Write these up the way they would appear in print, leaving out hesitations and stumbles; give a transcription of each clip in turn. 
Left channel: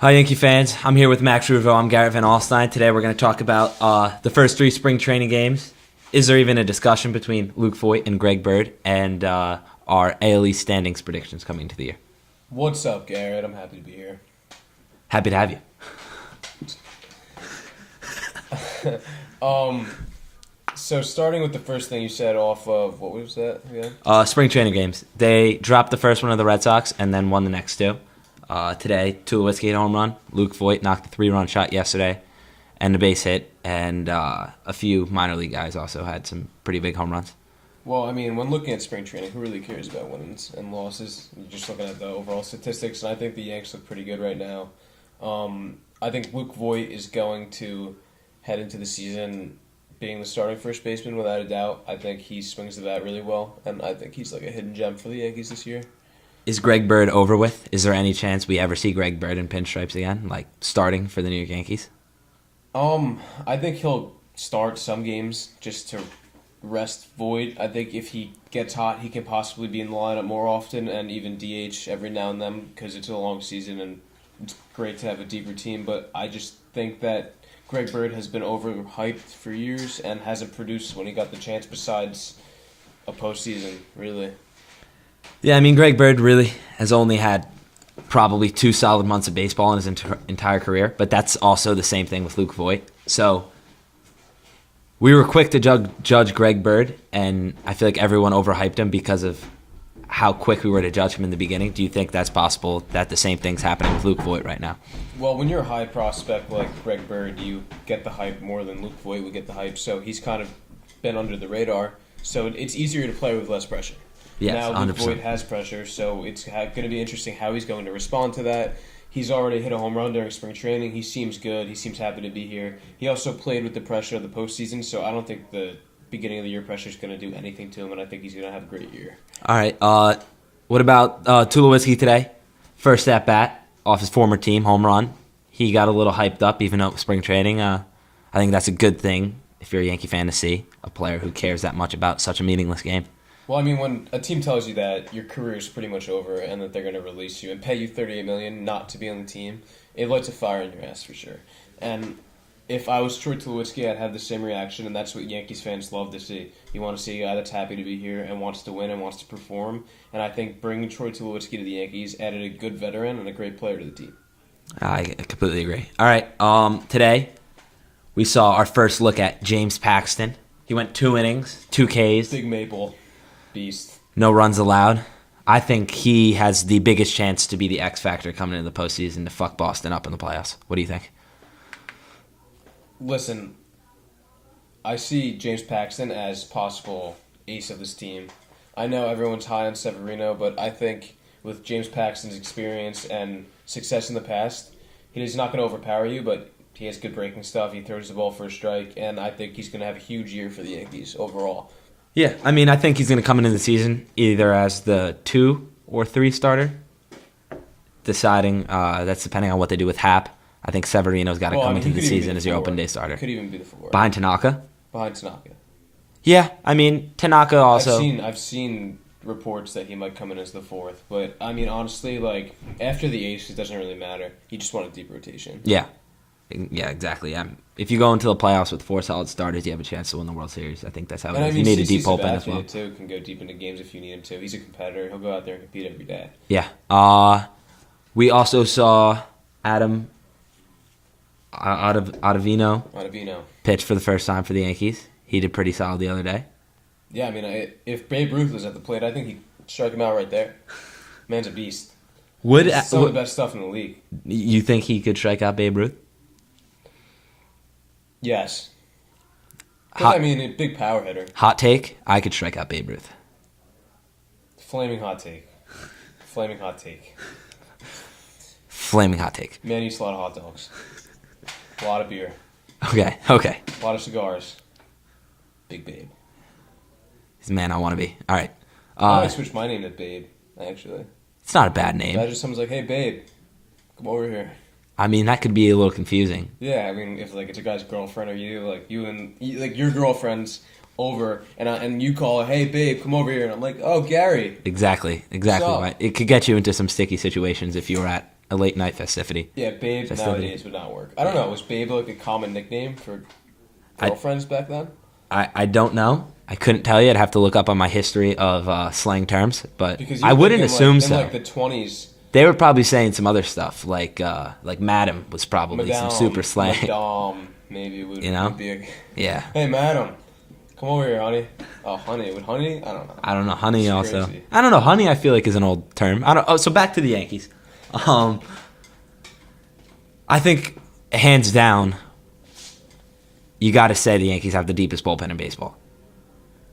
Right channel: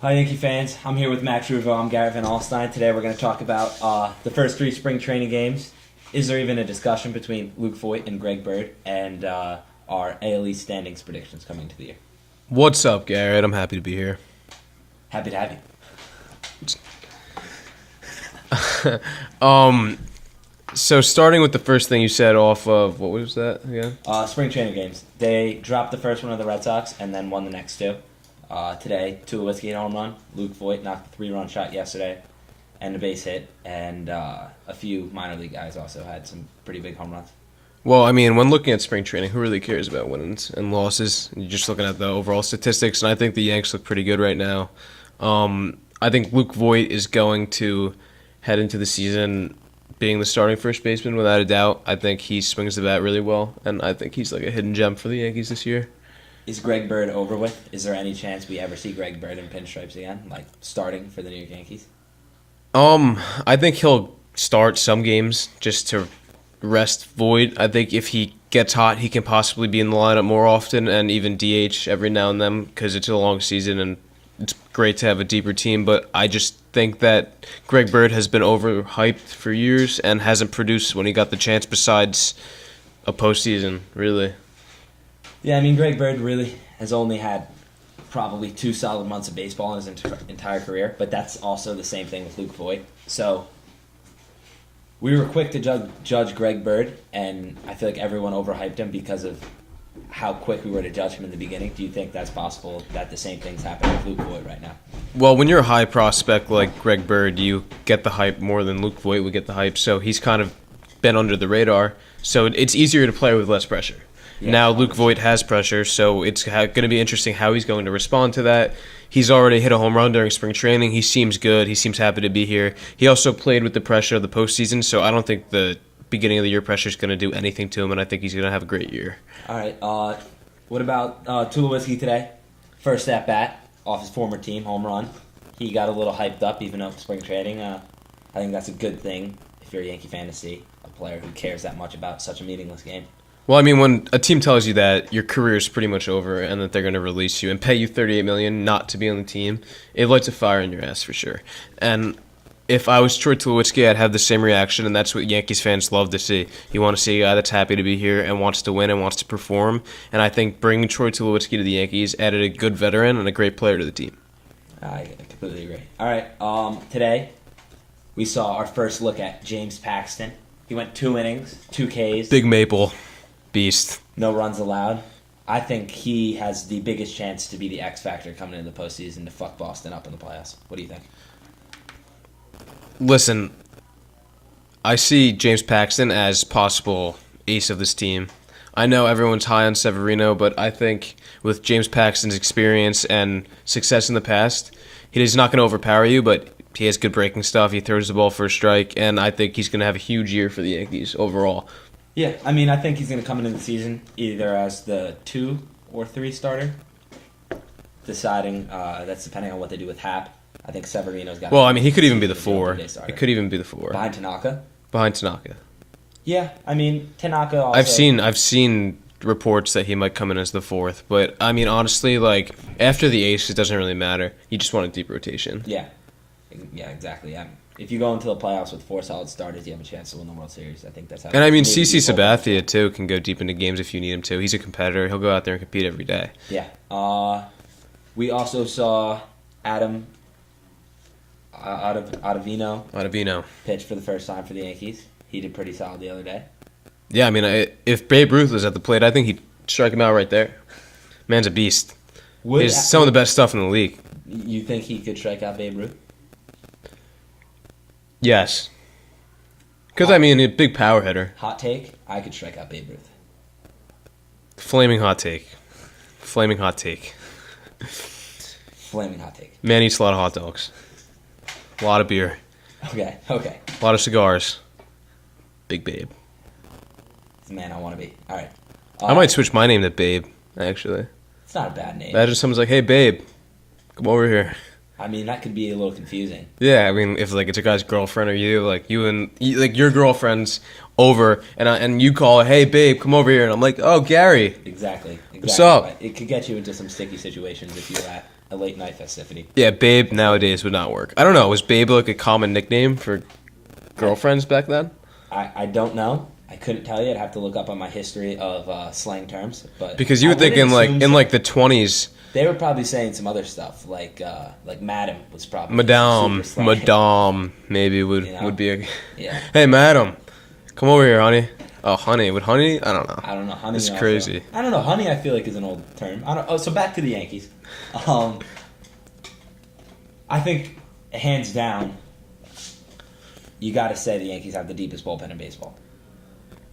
Hi, Yankee fans. I'm here with Max Ruvo. I'm Garret and Alstyne. Today we're going to talk about the first three spring training games. Is there even a discussion between Luke Voigt and Greg Bird and our ALE standings predictions coming into the year? What's up, Garrett? I'm happy to be here. Happy to have you. So starting with the first thing you said off of, what was that again? Spring training games. They dropped the first one of the Red Sox and then won the next two. Today, Tulowitzki hit a home run. Luke Voigt knocked a 3-run shot yesterday and a base hit. And a few minor league guys also had some pretty big home runs. Well, I mean, when looking at spring training, who really cares about wins and losses? You're just looking at the overall statistics, and I think the Yanks look pretty good right now. I think Luke Voigt is going to head into the season being the starting first baseman without a doubt. I think he swings the bat really well, and I think he's like a hidden gem for the Yankees this year. Is Greg Bird over with? Is there any chance we ever see Greg Bird in pinstripes again, like starting for the New York Yankees? I think he'll start some games just to rest Voigt. I think if he gets hot, he can possibly be in the lineup more often and even DH every now and then because it's a long season and it's great to have a deeper team. But I just think that Greg Bird has been overhyped for years and hasn't produced when he got the chance besides a postseason, really. Yeah, I mean, Greg Bird really has only had probably 2 solid months of baseball in his entire career, but that's also the same thing with Luke Voigt. So we were quick to judge Greg Bird, and I feel like everyone overhyped him because of how quick we were to judge him in the beginning. Do you think that's possible that the same thing's happening with Luke Voigt right now? Well, when you're a high prospect like Greg Bird, you get the hype more than Luke Voigt would get the hype, so he's kind of been under the radar. So it's easier to play with less pressure. Yes, now Luke 100%. Voigt has pressure, so it's going to be interesting how he's going to respond to that. He's already hit a home run during spring training. He seems good. He seems happy to be here. He also played with the pressure of the postseason, so I don't think the beginning of the year pressure is going to do anything to him, and I think he's going to have a great year. All right. What about Tulowitzki today? First at bat off his former team, home run. He got a little hyped up, even though it was spring training. I think that's a good thing if you're a Yankee fan to see a player who cares that much about such a meaningless game. Well, I mean, when a team tells you that your career is pretty much over and that they're going to release you and pay you $38 million not to be on the team, it lights a fire in your ass for sure. And if I was Troy Tulowitzki, I'd have the same reaction, and that's what Yankees fans love to see. You want to see a guy that's happy to be here and wants to win and wants to perform. And I think bringing Troy Tulowitzki to the Yankees added a good veteran and a great player to the team. I completely agree. All right. Today, we saw our first look at James Paxton. He went 2 innings, 2 Ks. Big Maple. Beast. No runs allowed. I think he has the biggest chance to be the X factor coming into the postseason to fuck Boston up in the playoffs. What do you think? Listen, I see James Paxton as possible ace of this team. I know everyone's high on Severino, but I think with James Paxton's experience and success in the past, he's not going to overpower you, but he has good breaking stuff. He throws the ball for a strike, and I think he's going to have a huge year for the Yankees overall. Yeah, I mean, I think he's going to come into the season either as the 2 or 3 starter, deciding that's depending on what they do with Hap. I think Severino's got to come he into could the even be season the as the 4. open day starter. He could even be the 4. Behind Tanaka? Behind Tanaka. Yeah, I mean, Tanaka also... I've seen reports that he might come in as the 4th, but I mean, honestly, like, after the ace, it doesn't really matter. You just want a deep rotation. Yeah, exactly. If you go into the playoffs with 4 solid starters, you have a chance to win the World Series. I think that's how. And I mean, CC CC Sabathia too can go deep into games if you need him to. He's a competitor. He'll go out there and compete every day. Yeah. We also saw Adam Ottavino pitch for the first time for the Yankees. He did pretty solid the other day. Yeah, I mean, if Babe Ruth was at the plate, I think he'd strike him out right there. Man's a beast. He's some of the best stuff in the league. You think he could strike out Babe Ruth? Yes. Because, I mean, a big power hitter. Hot take, I could strike out Babe Ruth. Flaming hot take. Flaming hot take. Flaming hot take. Man eats a lot of hot dogs. A lot of beer. Okay. A lot of cigars. Big Babe. He's the man I want to be. All right. I might switch my name to Babe, actually. It's not a bad name. Imagine someone's like, hey, Babe, come over here. I mean, that could be a little confusing. Yeah, I mean, if like it's a guy's girlfriend or your girlfriend's over and you call her, hey babe, come over here, and I'm like, oh Gary. Exactly. What's up? Right. It could get you into some sticky situations if you were at a late night festivity. Yeah, Babe nowadays would not work. I don't know. Was Babe like a common nickname for girlfriends back then? I don't know. I couldn't tell you. I'd have to look up on my history of slang terms. But Because you I would think wouldn't in like assume in so. like the 20s, They were probably saying some other stuff, like Madam was probably some Madame, super slang. Madame maybe would You know? would be a. Yeah. Hey, Madam, come over here, honey. Oh, honey. Would honey? I don't know. I don't know. Honey It's also. crazy. I don't know. Honey, I feel like is an old term. I don't. Oh, so back to the Yankees. I think hands down, you got to say the Yankees have the deepest bullpen in baseball.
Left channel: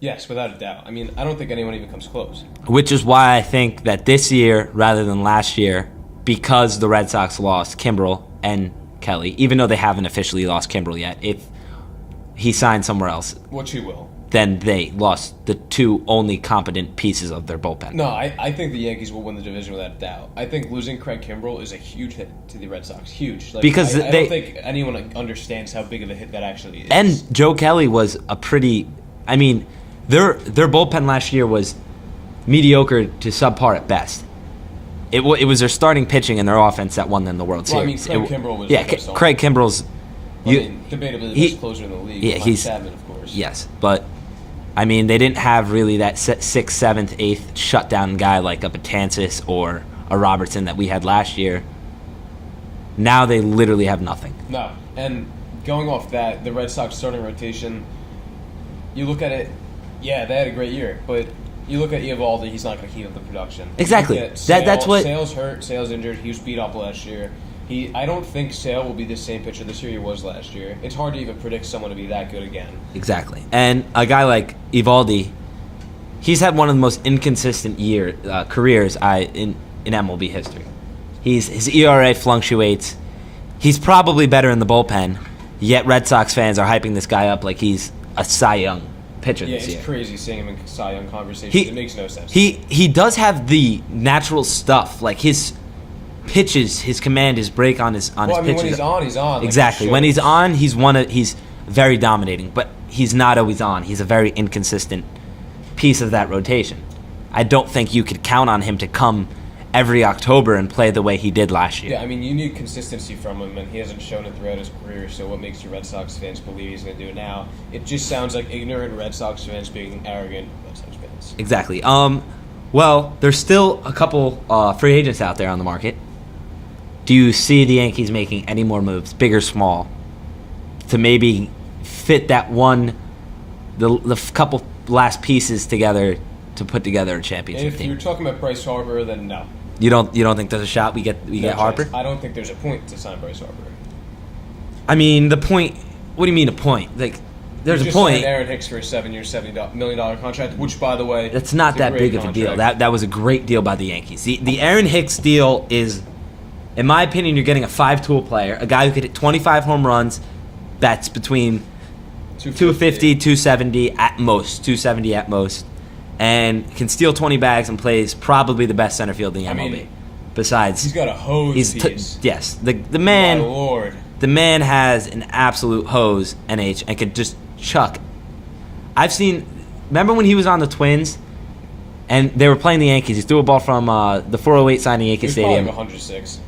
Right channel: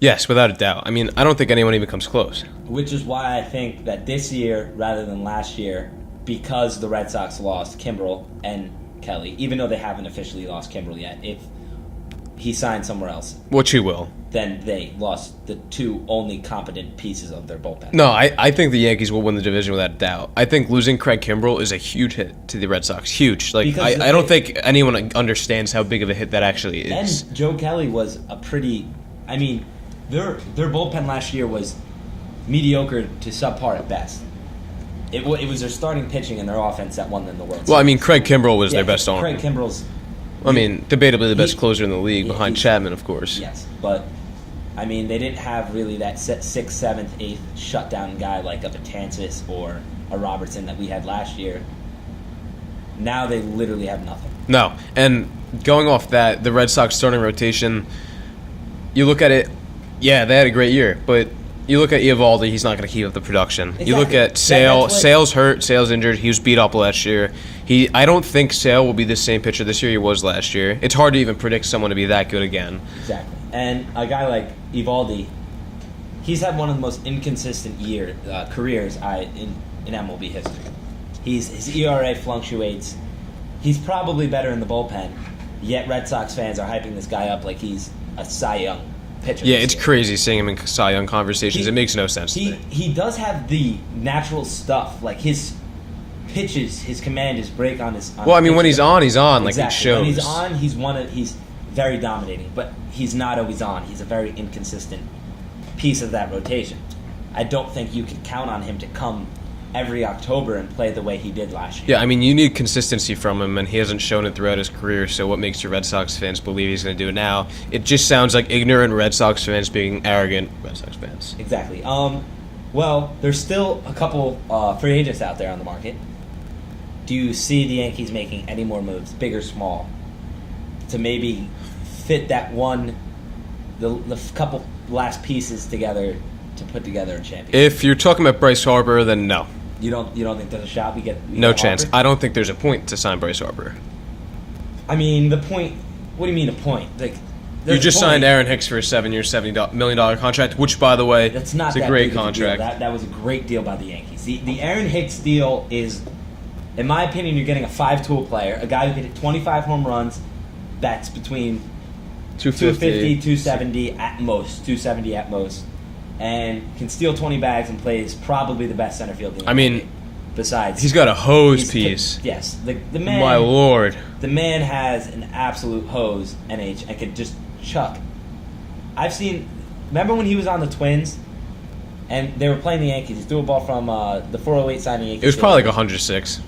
Yes, without a doubt. I mean, I don't think anyone even comes close. Which is why I think that this year, rather than last year, because the Red Sox lost Kimbrel and Kelly, even though they haven't officially lost Kimbrel yet, if he signed somewhere else, Which he will. then they lost the two only competent pieces of their bullpen. No, I think the Yankees will win the division without a doubt. I think losing Craig Kimbrel is a huge hit to the Red Sox. Huge. Like, Because I don't think anyone understands how big of a hit that actually is. And Joe Kelly was a pretty. I mean, their bullpen last year was mediocre to subpar at best. It was their starting pitching and their offense that won them the World Series. Well, I mean, Craig Kimbrel was their best arm. Craig Kimbrel's. I mean, debatably the best closer in the league behind he's- Chapman, of course. Yes, but I mean, they didn't have really that 6th, 7th, 8th shutdown guy like a Betances or a Robertson that we had last year. Now they literally have nothing. No, and going off that, the Red Sox starting rotation, you look at it, yeah, they had a great year, but you look at Eovaldi, he's not going to keep up the production. Exactly. You look at That's what- Sale's hurt, Sale's injured, he was beat up last year. I don't think Sale will be the same pitcher this year he was last year. It's hard to even predict someone to be that good again. Exactly. And a guy like Eovaldi, he's had one of the most inconsistent careers in MLB history. His ERA fluctuates. He's probably better in the bullpen, yet Red Sox fans are hyping this guy up like he's a Cy Young pitcher. Yeah, this it's year. crazy seeing him in Cy Young conversations. It makes no sense. He does have the natural stuff, like his pitches, his command, his break on his. Well, I mean, when he's on, he's on. Like, Exactly. it When he's shows. on, he's very dominating, but he's not always on. He's a very inconsistent piece of that rotation. I don't think you could count on him to come every October and play the way he did last year. Yeah, I mean, you need consistency from him, and he hasn't shown it throughout his career, so what makes your Red Sox fans believe he's going to do it now? It just sounds like ignorant Red Sox fans being arrogant Red Sox fans. Exactly. Well, there's still a couple free agents out there on the market. Do you see the Yankees making any more moves, big or small, to maybe fit that the couple last pieces together to put together a championship? If you're talking about Bryce Harper, then no. You don't think there's a shot we get No get chance. Harper? I don't think there's a point to sign Bryce Harper. I mean, the point. What do you mean a point? Like, You there's just a point. signed Aaron Hicks for a 7-year, $70 million contract, which, by the way, That's not is a that great big of a deal. contract. That was a great deal by the Yankees. The Aaron Hicks deal is, in my opinion, you're getting a 5-tool player, a guy who could hit 25 home runs. That's between 250, 270 at most, 270 at most, and can steal 20 bags and plays probably the best center field in the MLB. I mean, besides, he's got a hose he's piece. yes, the My man. lord. The man has an absolute hose, NH, and could just chuck. I've seen. Remember when he was on the Twins, and they were playing the Yankees? He threw a ball from the 408 signing Yankees It was Stadium. probably like 106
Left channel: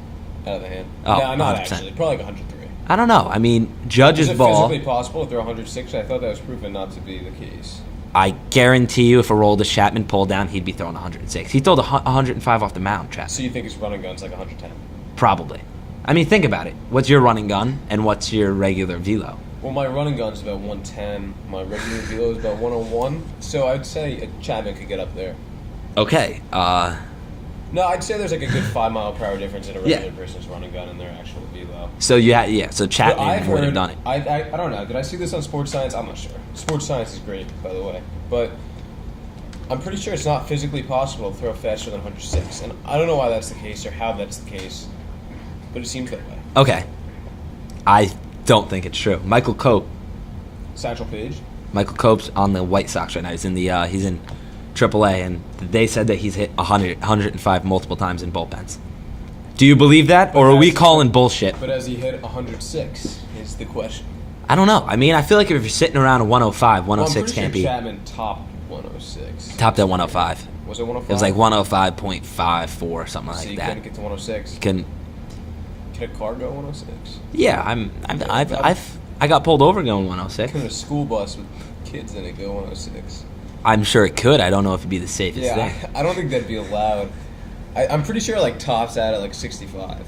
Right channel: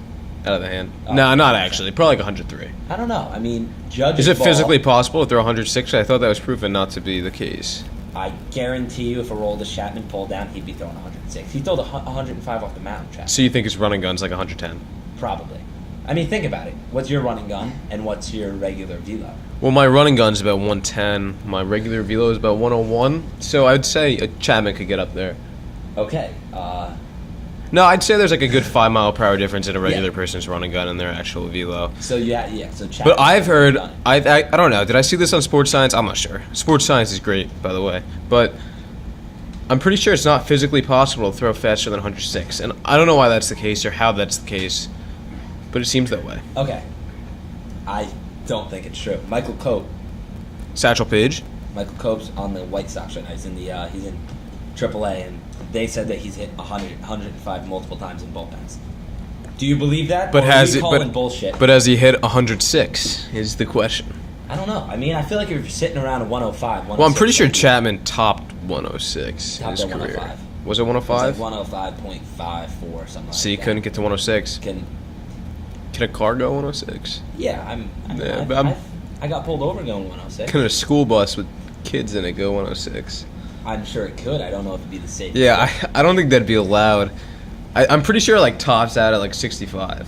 out of the hand. Oh, no, not 100%. actually. Probably like 103. I don't know. I mean, Judge's Is it ball. physically possible to throw 106? I thought that was proven not to be the case. I guarantee you, if Aroldis Chapman pulled down, he'd be throwing 106. He threw 105 off the mound, Chapman. So you think his running gun's like 110? Probably. I mean, think about it. What's your running gun, and what's your regular velo? Well, my running gun's about 110. My regular velo is about 101. So I would say Chapman could get up there. Okay. No, I'd say there's like a good 5-mile-per-hour difference in a regular person's running gun and their actual velo. So So Chapman. But I've has really heard, done it. I don't know. Did I see this on Sports Science? I'm not sure. Sports Science is great, by the way, but I'm pretty sure it's not physically possible to throw faster than 106, and I don't know why that's the case or how that's the case, but it seems that way. Okay. I don't think it's true. Michael Cope. Satchel Paige. Michael Cope's on the White Sox right now. He's in AAA, and they said that he's hit 100, 105 multiple times in bullpens. Do you believe that, or are we calling bullshit? But has he hit 106 is the question. I don't know. I mean, I feel like if you're sitting around a 105, 106... Well, I'm pretty sure can't be- Chapman topped 106. Topped his at career. 105. Was it 105? It was like 105.54 or something like So you that. couldn't get to 106. Can a car go 106? Yeah, I got pulled over going 106. Can a school bus with kids in it go 106? I'm sure it could. I don't know if it'd be the safest. Yeah, I don't think that'd be allowed. I'm pretty sure like tops out at like 65.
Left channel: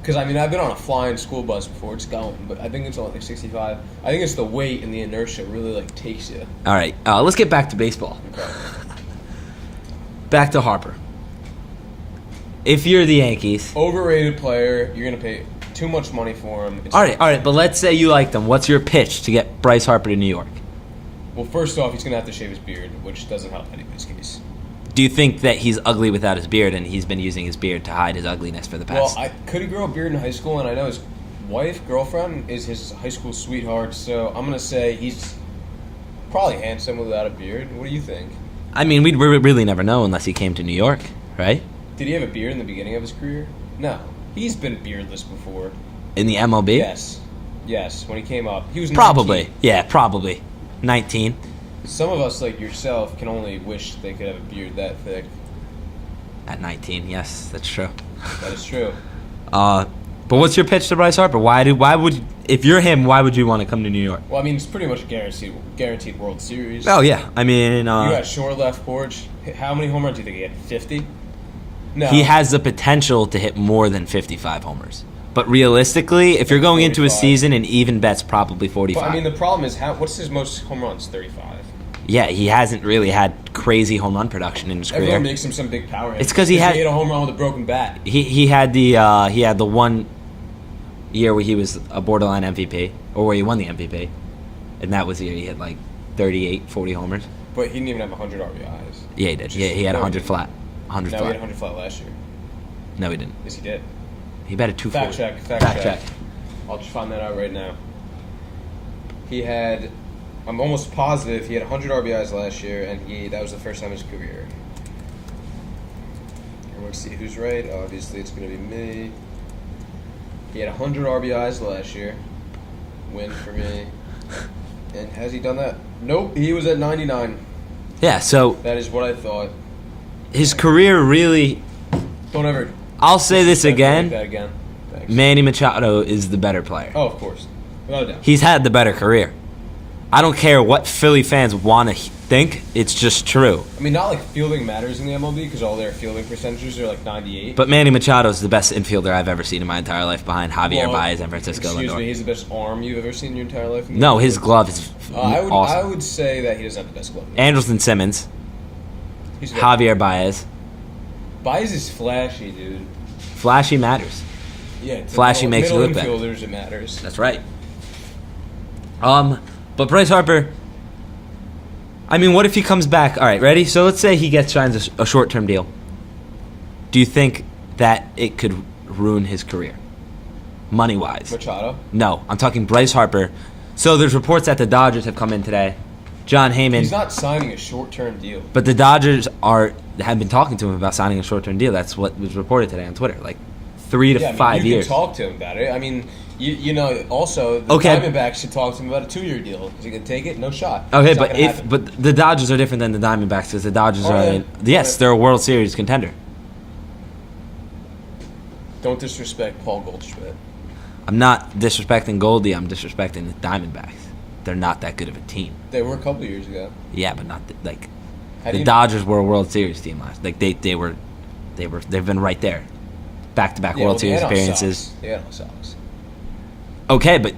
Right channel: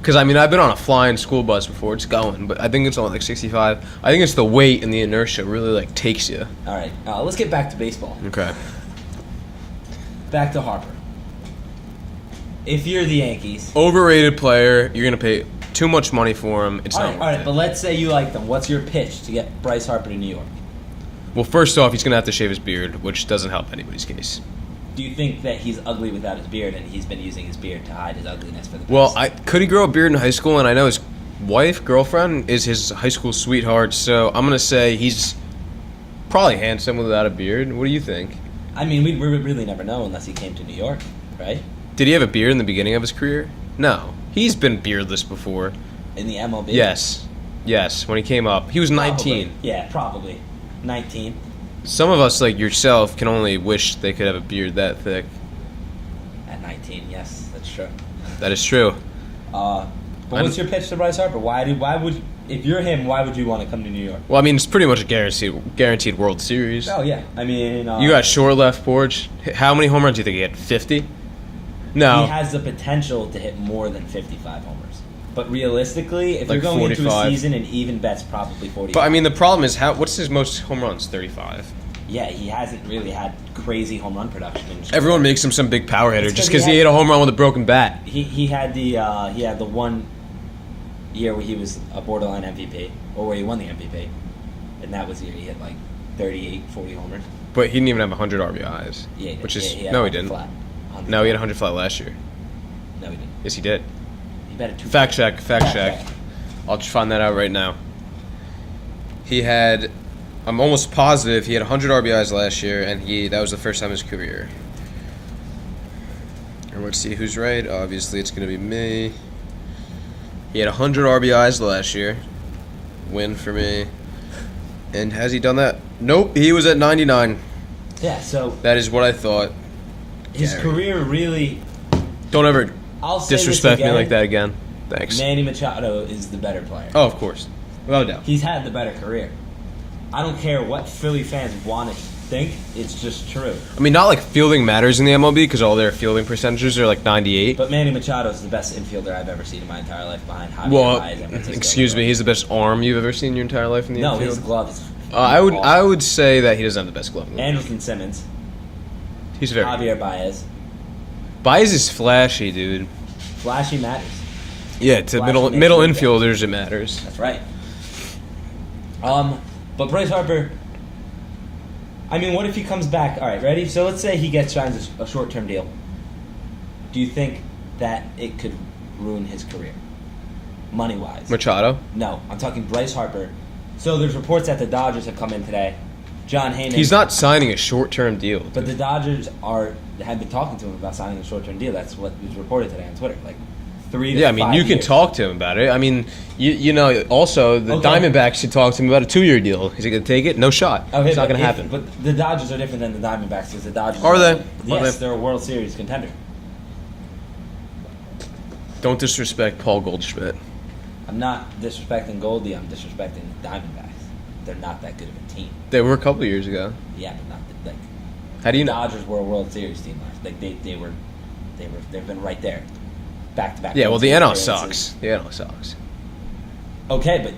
Because I mean, I've been on a flying school bus before. It's going, but I think it's on like 65. I think it's the weight and the inertia really like takes you. All right, let's get back to baseball. Okay. Back to Harper. If you're the Yankees, Overrated player. You're gonna pay too much money for him. It's all not right, all right. worth But it. let's say you like them. What's your pitch to get Bryce Harper to New York? Well, first off, he's gonna have to shave his beard, which doesn't help anybody's case. Do you think that he's ugly without his beard, and he's been using his beard to hide his ugliness for the past? Well, could he grow a beard in high school? And I know his girlfriend, is his high school sweetheart. So I'm gonna say he's probably handsome without a beard. What do you think? I mean, we'd really never know unless he came to New York, right? Did he have a beard in the beginning of his career? No, he's been beardless before. In the MLB? Yes. When he came up, he was 19. Probably. Yeah, probably. 19. Some of us, like yourself, can only wish they could have a beard that thick. At 19, yes, that's true. That is true. But what's your pitch to Bryce Harper? If you're him, why would you want to come to New York? Well, I mean, it's pretty much a guaranteed World Series. Oh yeah, I mean, You got short left porch. How many home runs do you think he had? 50? No. he has the potential to hit more than 55 homers. But realistically, if you're going into a 45. season, an even bet's probably 45. But I mean, the problem is what's his most home runs? 35. yeah, he hasn't really had crazy home run production in his career. Everyone makes him some big power hitter It's just 'cause he because he had- hit a home run with a broken bat. He had the one year where he was a borderline MVP, or where he won the MVP, and that was the year he hit like 38, 40 homers. But he didn't even have 100 RBIs. Yeah, he did. Which Yeah, is, he had no, 100 he didn't. flat. 100 No, flat. he had 100 flat last year. No, he didn't. Yes, he did. He batted 2. Fact check. I'll just find that out right now. He had, I'm almost positive, he had 100 RBIs last year, and that was the first time in his career. And let's see who's right. Obviously, it's going to be me. He had 100 RBIs last year. Win for me. And has he done that? Nope, he was at 99. Yeah, so That is what I thought. his career really. Don't ever I'll say this disrespect me again. like that again. Thanks. Manny Machado is the better player. Oh, of course. No doubt. He's had the better career. I don't care what Philly fans want to think. It's just true. I mean, not like fielding matters in the MLB because all their fielding percentages are like 98. But Manny Machado is the best infielder I've ever seen in my entire life, behind Javier Baez and Francisco. Excuse Lindor. me, he's the best arm you've ever seen in your entire life in the No, infield? his glove is. I awesome. would say that he doesn't have the best glove. Andrelton Simmons, He's very, Javier Baez. Baez is flashy, dude. Flashy matters. Yeah, to Flashy makes middle you look better. infielders it matters. That's right. But Bryce Harper. I mean, what if he comes back? All right, ready? So let's say he signs a short-term deal. Do you think that it could ruin his career, money-wise? Machado. No, I'm talking Bryce Harper. So there's reports that the Dodgers have come in today. John Heyman. He's not signing a short-term deal. But the Dodgers have been talking to him about signing a short-term deal. That's what was reported today on Twitter. Like 3 to 5 Yeah, I mean, you years. can talk to him about it. I mean, you know, also the Okay. Diamondbacks should talk to him about a 2-year deal. Is he going to take it? No shot. Okay, it's not but going to happen. but the Dodgers are different than the Diamondbacks because the Dodgers Are are they? yes, they're a World Series contender. Don't disrespect Paul Goldschmidt. I'm not disrespecting Goldie. I'm disrespecting the Diamondbacks. They're not that good of a team. They were a couple of years ago. Yeah, but not like How do the you know? Dodgers were a World Series team last. Like they've been right there, back to back. Yeah, well, World the Series NL appearances. sucks. The NL sucks. Okay, but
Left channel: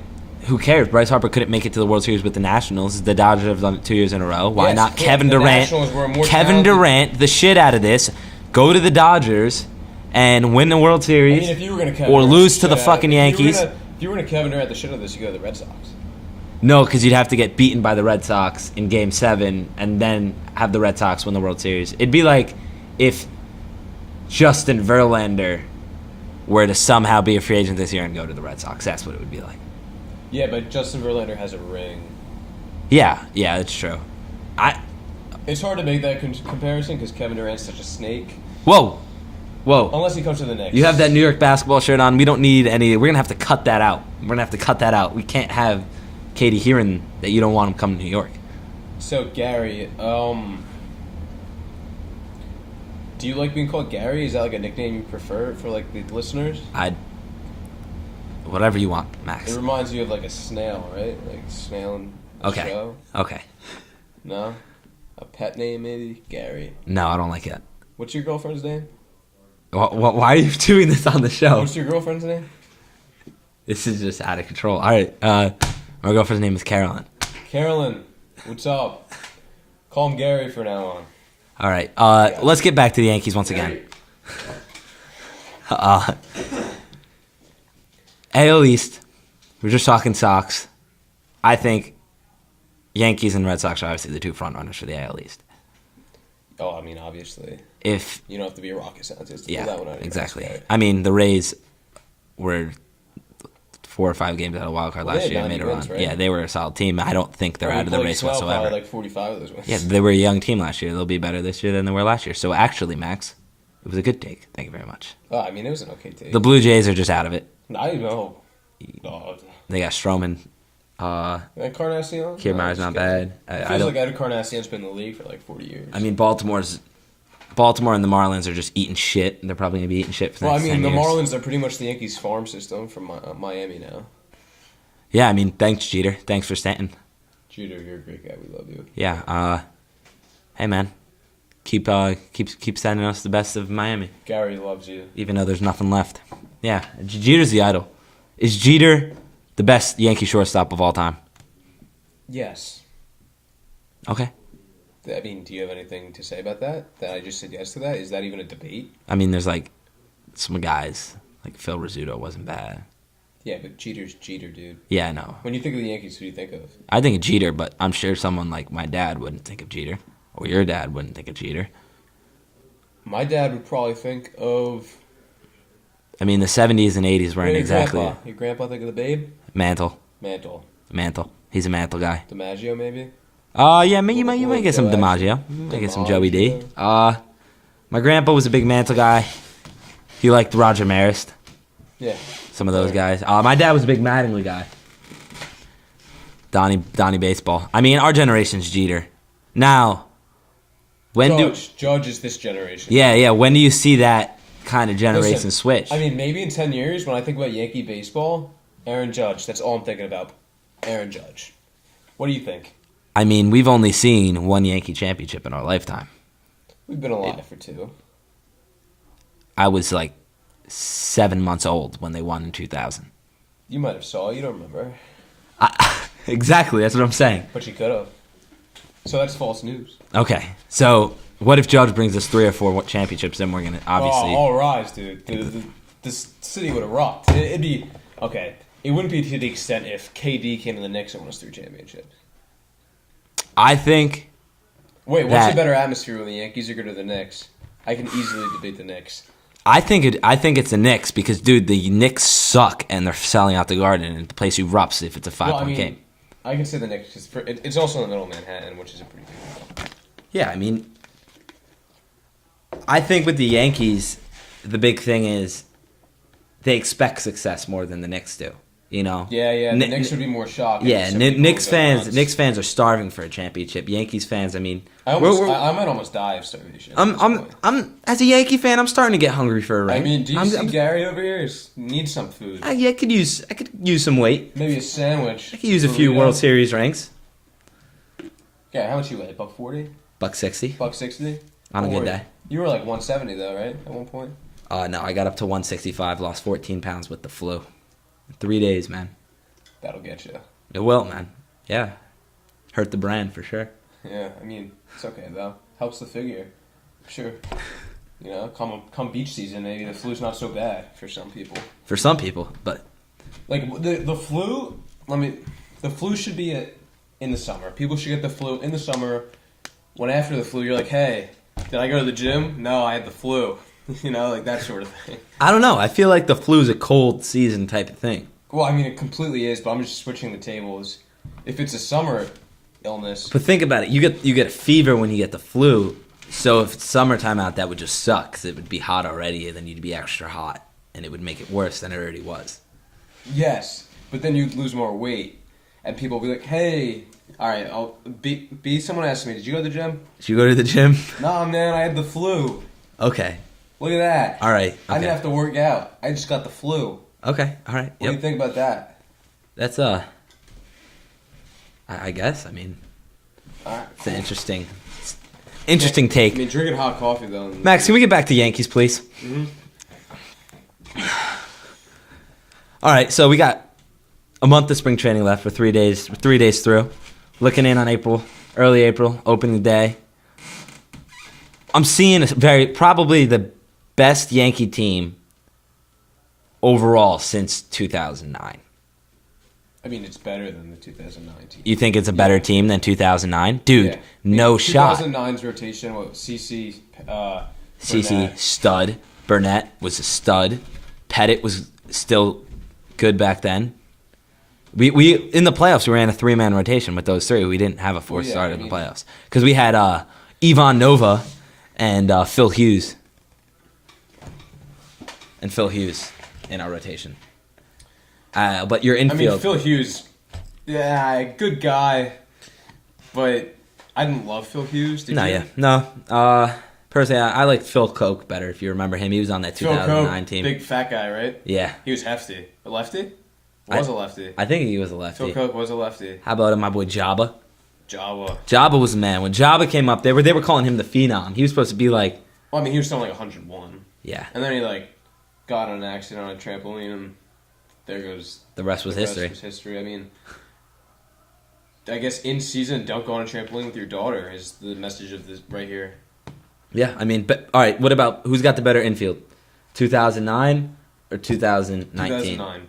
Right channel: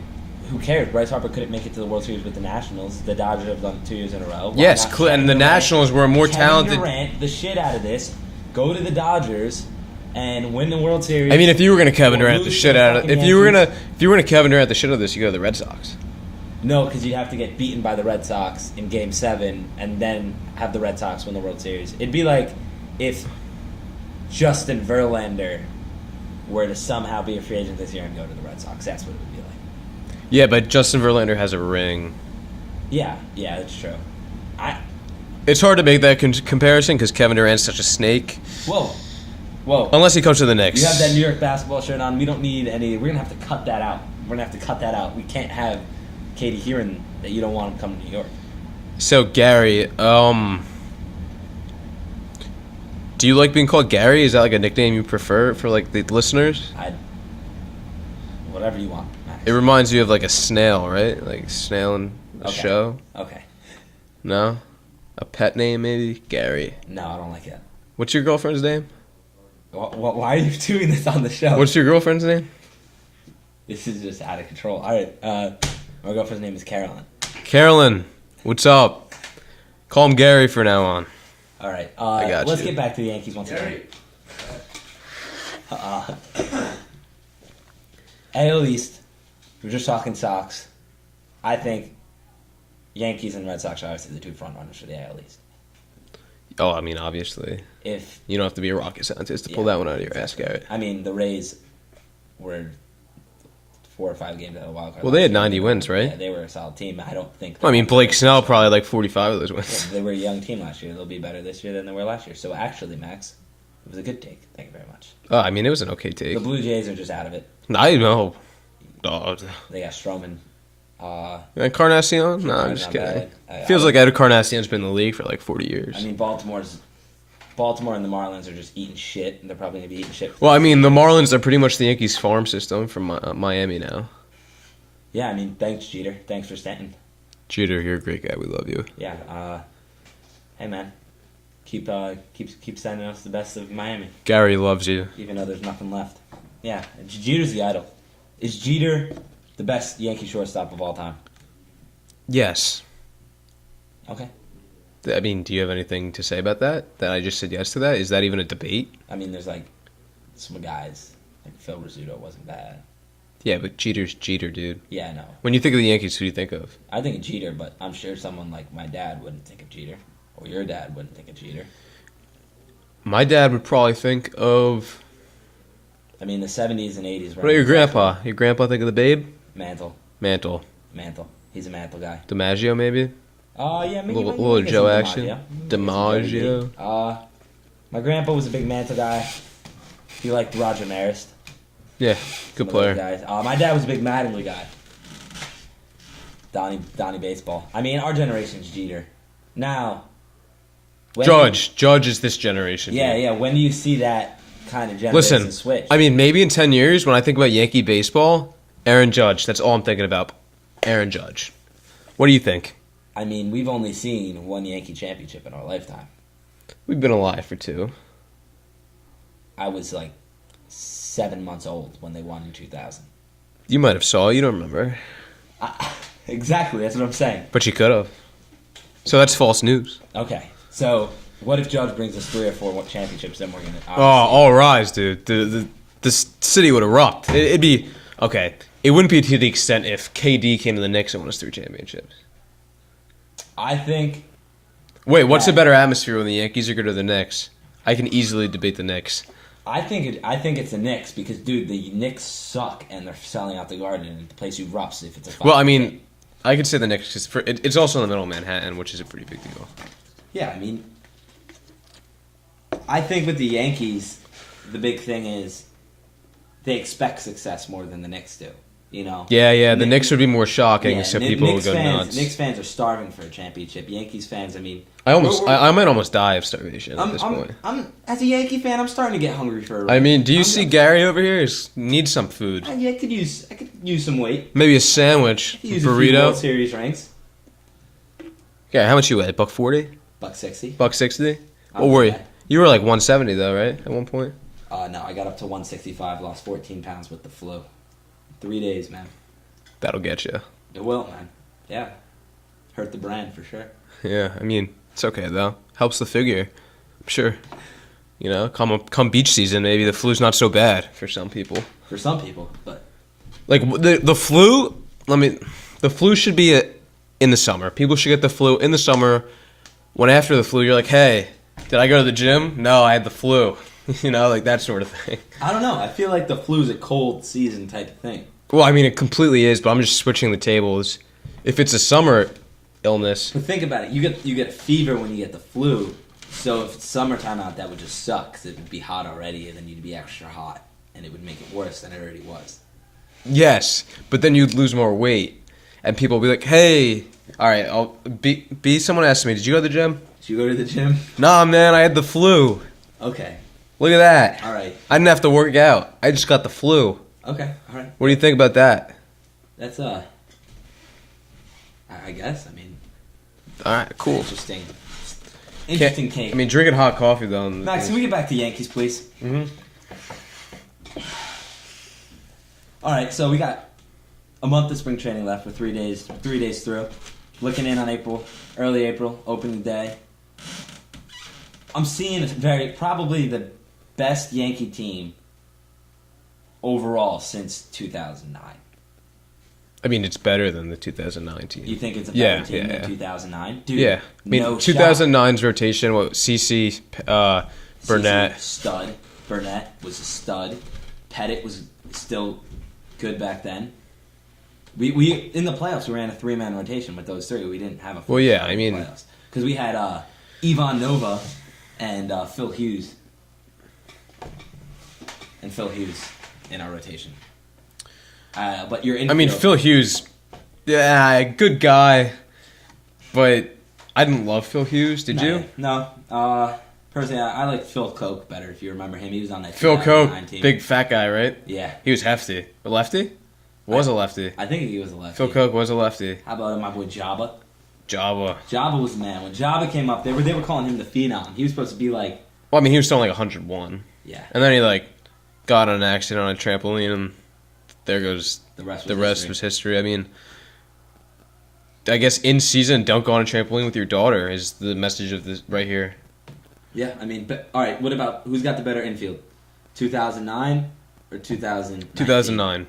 who cares? Bryce Harper couldn't make it to the World Series with the Nationals. The Dodgers have done it 2 years in a row. Why Yes, not clear- Kevin and the Durant? Nationals were more Kevin talented. Durant, the shit out of this. Go to the Dodgers and win the World Series. I mean, if you were going to Kevin or Durant lose to the shit out of- fucking if you were Yankees. if you were going to Kevin Durant the shit out of this, you go to the Red Sox. No, because you'd have to get beaten by the Red Sox in Game 7 and then have the Red Sox win the World Series. It'd be like if Justin Verlander were to somehow be a free agent this year and go to the Red Sox. That's what it would be like. Yeah, but Justin Verlander has a ring. Yeah, that's true. It's hard to make that comparison because Kevin Durant's such a snake. Whoa. Unless he comes to the Knicks. You have that New York basketball shirt on. We don't need any. We're going to have to cut that out. We can't have Katie hearing that you don't want him coming to New York. So, Gary, do you like being called Gary? Is that like a nickname you prefer for like the listeners? Whatever you want, Max. It reminds you of like a snail, right? Like snail in the Okay. show. Okay. No? A pet name maybe? Gary. No, I don't like it. What's your girlfriend's name? Why are you doing this on the show? What's your girlfriend's name? This is just out of control. All right. My girlfriend's name is Carolyn. Carolyn. What's up? Call him Gary for now on. All right. got Let's you. get back to the Yankees once again. AL East. We're just talking Sox. I think Yankees and Red Sox are obviously the two front runners for the AL East. Oh, I mean, obviously. If You don't have to be a rocket scientist to pull that one out of your exactly. ass, Garrett. I mean, the Rays were 4 or 5 games out of wild card. Well, last they had year. 90 wins, right? Yeah, they were a solid team. I don't think they're. I mean, out of the Blake race Snell whatsoever. probably like 45 of those wins. Yeah, they were a young team last year. They'll be better this year than they were last year. So actually, Max, it was a good take. Thank you very much. Oh, I mean, it was an okay take. The Blue Jays are just out of it. I know. Oh, They got Stroman. Encarnacion? Kiermaier's I'm just not kidding. bad. Feels like Ed Encarnacion's been in the league for like 40 years. I mean, Baltimore and the Marlins are just eating shit. They're probably gonna be eating shit. For well, I next mean, 10 the years. Marlins are pretty much the Yankees farm system from Miami now. Yeah, I mean, thanks Jeter. Thanks for Stanton. Jeter, you're a great guy. We love you. Yeah. Hey man, keep sending us the best of Miami, Gary loves you. even though there's nothing left. Yeah, Jeter's the idol. Is Jeter the best Yankee shortstop of all time? Yes. Okay. I mean, do you have anything to say about that? That I just said yes to that? Is that even a debate? I mean, there's like some guys like Phil Rizzuto wasn't bad. Yeah, but Jeter's Jeter, dude. Yeah, no. When you think of the Yankees, who do you think of? I think of Jeter, but I'm sure someone like my dad wouldn't think of Jeter, or your dad wouldn't think of Jeter. My dad would probably think of... I mean, the 70s and 80s were What about your exactly grandpa? Your grandpa think of the Babe? Mantle. Mantle. He's a Mantle guy. DiMaggio, maybe? Yeah, you might Little get some Joe DiMaggio. action. You might get some Joey D. DiMaggio. My grandpa was a big Mantle guy. He liked Roger Marist. Yeah. Some good of those player. guys. My dad was a big Mattingly guy. Donnie Baseball. I mean, our generation's Jeter. Now, Judge is this generation. Yeah. When do you see that kind of generation Listen, switch? I mean, maybe in 10 years, when I think about Yankee baseball, Aaron Judge. That's all I'm thinking about. Aaron Judge. What do you think? I mean, we've only seen one Yankee championship in our lifetime. We've been alive for 2. I was like 7 months old when they won in 2000. You might have saw. You don't remember. Exactly, that's what I'm saying. But you could have. So that's false news. Okay, so what if Judge brings us 3 or 4 championships? Then we're gonna Oh, obviously. all rise, dude. The city would erupt. It'd be... Okay, it wouldn't be to the extent if KD came to the Knicks and won us 3 championships. I think. Wait, what's that- a better atmosphere when the Yankees are good or the Knicks? I can easily debate the Knicks. I think it's the Knicks because, dude, the Knicks suck and they're selling out the Garden and the place erupts if it's a 5. Well, I mean, game. I could say the Knicks because it's also in the middle of Manhattan, which is a pretty big deal. Yeah, I mean, I think with the Yankees, the big thing is they expect success more than the Knicks do. You know? Yeah. The Knicks would be more shocking. Yeah, so people Knicks would go nuts. fans are starving for a championship. Yankees fans, I mean, I might almost die of starvation. At this point. I'm as a Yankee fan, I'm starting to get hungry for a ring. I mean, do you I'm- see Gary over here? He needs some food. I could use some weight. Maybe a sandwich. I could use a few burrito. World Series rings. Yeah, how much you weigh? $140? $160. $160? I'm a Or were good you? guy. You were like 170 though, right? At one point. No, I got up to 165. Lost 14 pounds with the flu. 3 days, man. That'll get you. It will, man. Yeah, hurt the brand for sure. Yeah, I mean, it's okay though. Helps the figure. I'm sure. You know, come beach season, maybe the flu's not so bad for some people. For some people, but Like the flu. The flu should be in the summer. People should get the flu in the summer. When after the flu, you're like, hey, did I go to the gym? No, I had the flu. You know, like that sort of thing. I don't know. I feel like the flu's a cold season type of thing. Well, I mean, it completely is, but I'm just switching the tables. If it's a summer illness, But think about it. You get a fever when you get the flu. So if it's summertime out, that would just suck 'cause it would be hot already, and then you'd be extra hot, and it would make it worse than it already was. yes, but then you'd lose more weight, and people will be like, "Hey, all right, I'll be." Someone asked me, "Did you go to the gym?" Did you go to the gym? Nah, man, I had the flu. Okay. Look at that. All right. I didn't have to work out. I just got the flu. Okay, all right. What do you think about that? That's I guess. I mean, All right, it's cool. an interesting take. I mean, drinking hot coffee though. Max, can we get back to Yankees, please? Mm-hmm. All right, so we got a month of spring training left. For 3 days. 3 days through. Looking in on early April, opening day. I'm seeing probably the best Yankee team overall since 2009. I mean, it's better than the 2009 team. You think it's a better team than 2009? Dude, yeah. I mean, no shot. 2009's rotation, CC, Burnett. CC, stud. Burnett was a stud. Pettit was still good back then. We in the playoffs, we ran a 3-man rotation with those three. We didn't have a fourth starter in the playoffs. Because we had Ivan Nova and Phil Hughes. And Phil Hughes in our rotation. But your infield... I mean, Phil Hughes, yeah, good guy, but I didn't love Phil Hughes. Did you? Yeah. No. Personally, I like Phil Koch better, if you remember him. He was on that 2009 team. Big fat guy, right? Yeah. He was hefty. A lefty? Was a lefty. I think he was a lefty. Phil Koch was a lefty. How about my boy Jabba? Jabba Was the man. When Jabba came up, they were calling him the Phenom. He was supposed to be like... Well, I mean, he was still like 101. Yeah. And then he got in an accident on a trampoline, and there goes the rest was history. I mean, I guess in season, don't go on a trampoline with your daughter is the message of this right here. Yeah, I mean, but all right. What about who's got the better infield, 2009 or 2019? 2009.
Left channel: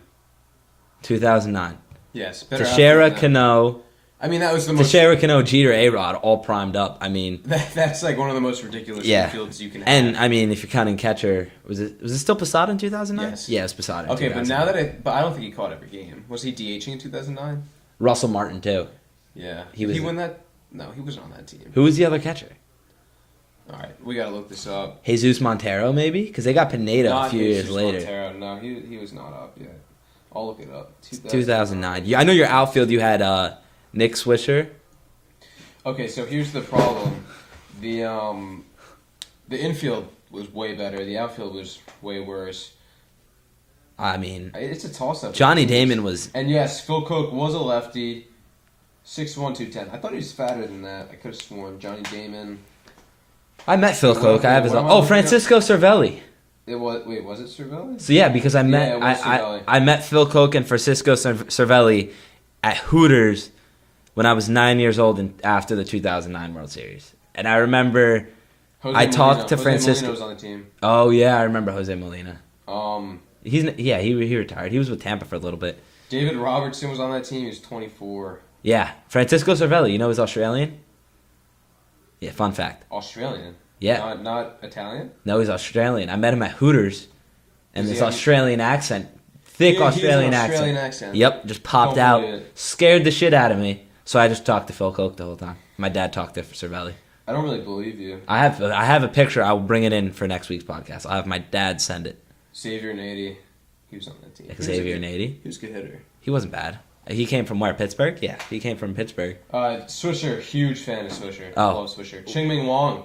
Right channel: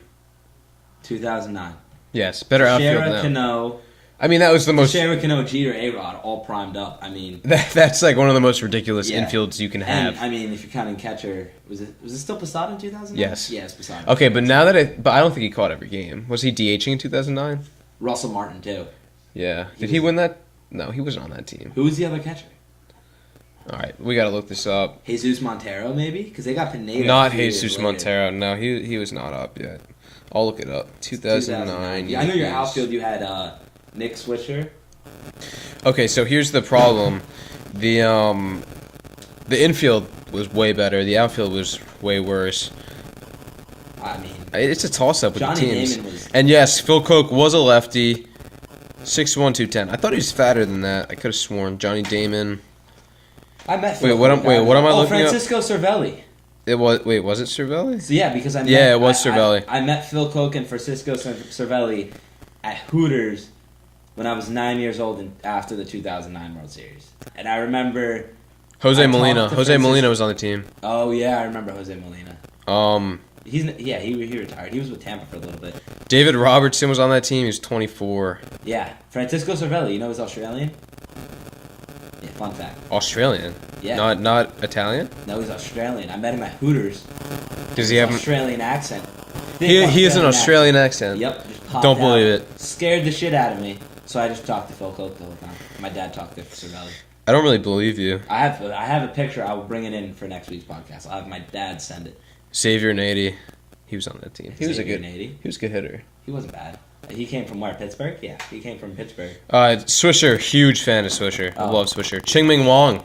2009. Yes, better Teixeira, outfield than that. Cano. I mean, that was the most. Teixeira, Cano, Jeter, A-Rod, all primed up. I mean, that's like one of the most ridiculous infields you can have. And I mean, if you're counting catcher, was it still Posada in 2009? Yes. Yeah, it's Posada. Okay, but now but I don't think he caught every game. Was he DHing in 2009? Russell Martin too. Yeah. Did he win that? No, he wasn't on that team. Who was the other catcher? All right, we gotta look this up. Jesus Montero, maybe, because they got Pineda. Not Jesus Montero. No, he was not up yet. I'll look it up. 2009. Yeah, I know your outfield. You had Nick Swisher. Okay, so here's the problem. The infield was way better. The outfield was way worse. I mean, it's a toss-up. Johnny Damon was... And yes, Phil Koch was a lefty. 6'1", 210. I thought he was fatter than that. I could have sworn. Johnny Damon. I met Phil Koch. What am I looking Francisco Cervelli. Was it Cervelli? So yeah, because it was Cervelli. I met Phil Koch and Francisco Cervelli at Hooters when I was 9 years old after the 2009 World Series. And I remember Jose Molina was on the team. Oh yeah, I remember Jose Molina. He retired. He was with Tampa for a little bit. David Robertson was on that team. He was 24. Yeah, Francisco Cervelli. You know he's Australian. Yeah, fun fact. Australian. Yeah. Not Italian. No, he's Australian. I met him at Hooters. Does he have Australian accent? He has an Australian accent. Yep, just popped out. Don't believe it. Scared the shit out of me. So I just talked to Phil Koch the whole time. My dad talked to Cervelli. I don't really believe you. I have a picture. I will bring it in for next week's podcast. I'll have my dad send it. Xavier Nady. He was on that team. Xavier Nady. He was a good hitter. He wasn't bad. He came from where? Pittsburgh? Yeah, he came from Pittsburgh. Swisher, huge fan of Swisher. I love Swisher. Ching-Ming Wong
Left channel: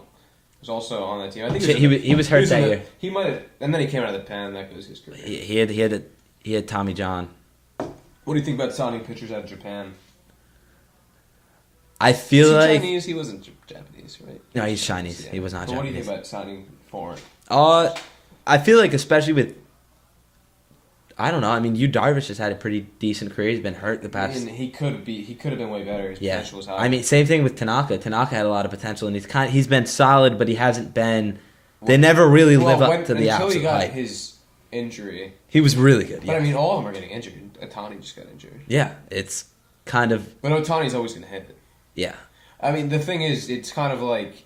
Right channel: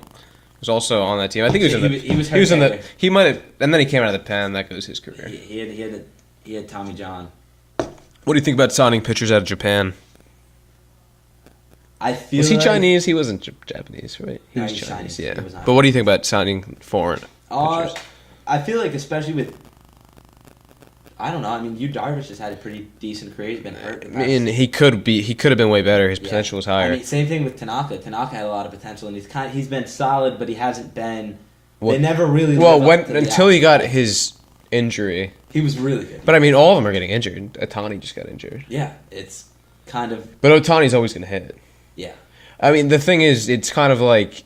was also on that team. I think he was hurt that year. He might have, and then he came out of the pen. That goes his career. He had Tommy John. What do you think about signing pitchers out of Japan? I feel Was he Chinese? He wasn't Japanese, right? No, he's Chinese. Yeah. He was not. But what do you think about signing foreign? I feel like especially with. I don't know. I mean, Yu Darvish has had a pretty decent career. He's been hurt the past. I mean, he could have been way better. His potential was higher. I mean, same thing with Tanaka. Tanaka had a lot of potential, and he's been solid, but he hasn't been. They never really lived up to the until he got his injury. He was really good. But I mean, all of them are getting injured. Ohtani just got injured. Yeah, it's kind of. But Ohtani's always gonna hit. Yeah. I mean, the thing is, it's kind of like.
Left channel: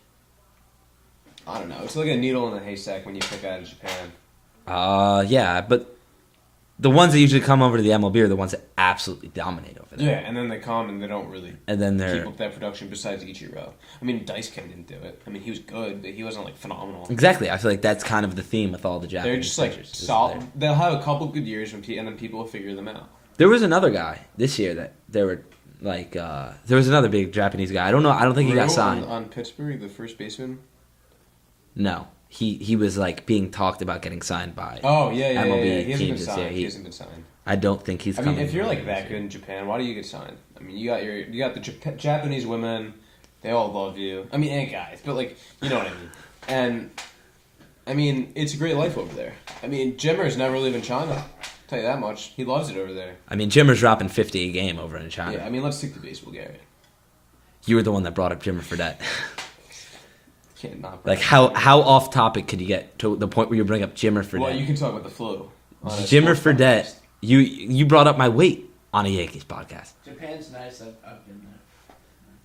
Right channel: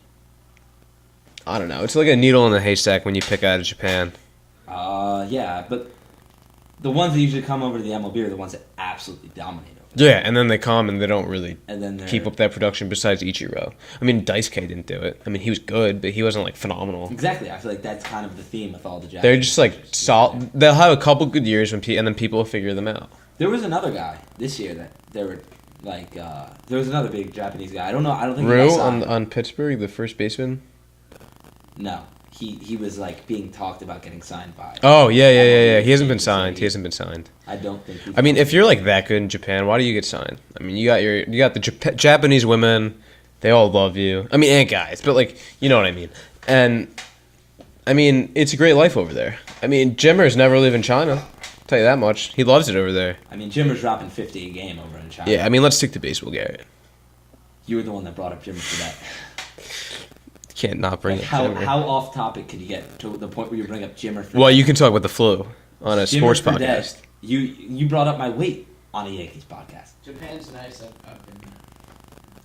I don't know. It's like a needle in the haystack when you pick out of Japan. Yeah, but. The ones that usually come over to the MLB are the ones that absolutely dominate over there. Yeah, and then they come and they don't really keep up that production besides Ichiro. I mean, Daisuke didn't do it. I mean, he was good, but he wasn't, like, phenomenal. Exactly. I feel like that's kind of the theme with all the Japanese. They're just, like, solid. They'll have a couple good years, and then people will figure them out. There was another guy this year that they were, like, there was another big Japanese guy. I don't know. I don't think he got signed. On Pittsburgh, the first baseman? No. he was like being talked about getting signed by. Oh yeah. MLB He hasn't been changes, signed. yeah, He hasn't been signed. I don't think he's. I mean, coming. if you're like that good in Japan, why do you get signed? I mean, you got the Japanese women, they all love you. I mean, and guys, but like, you know what I mean. And I mean, it's a great life over there. I mean, Jimmer's never leaving China. I'll tell you that much. He loves it over there. I mean, Jimmer's dropping 50 a game over in China. Yeah, I mean, let's stick to baseball, Garrett. You were the one that brought up Jimmer Fredette. Can't not bring Like it. how off topic could you get to the point where you bring up Jimmer Fredette? Well, you can talk about the flu on a Jimmer sports Fredette. podcast. You brought up my weight on a Yankees podcast. Japan's nice. I've been there.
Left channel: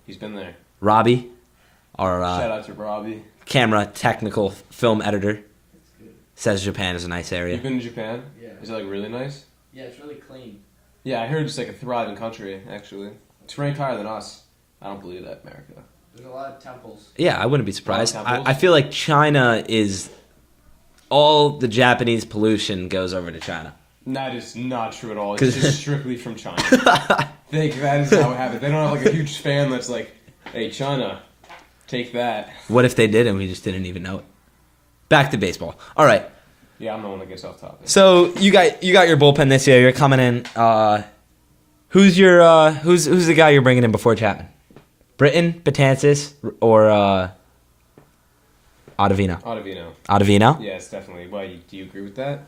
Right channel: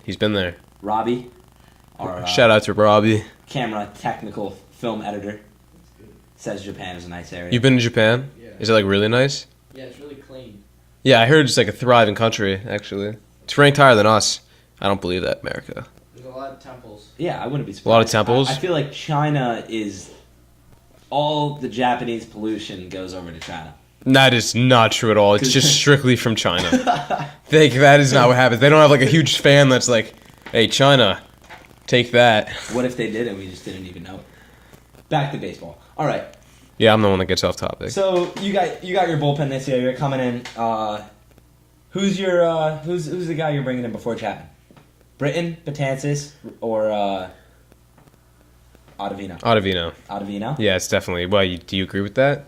He's been there. Robbie, our Shout out to Robbie. camera technical film editor, It's good. says Japan is a nice area. You've been to Japan? Yeah. Is it like really nice? Yeah, it's really clean. Yeah, I heard it's like a thriving country, actually. It's ranked higher than us. I don't believe that, America. There's a lot of temples. Yeah, I wouldn't be A lot of surprised. temples? I feel like China is all the Japanese pollution goes over to China. That is not true at all. It's just strictly from China. That is not what happens. They don't have like a huge fan that's like, hey, China, take that. What if they did and we just didn't even know it? Back to baseball. All right. Yeah, I'm the one that gets off topic. So you got your bullpen this year. You're coming in. Who's the guy you're bringing in before Chapman? Britton, Betances, or Ottavino? Ottavino? Yeah, it's definitely. Why, do you agree with that?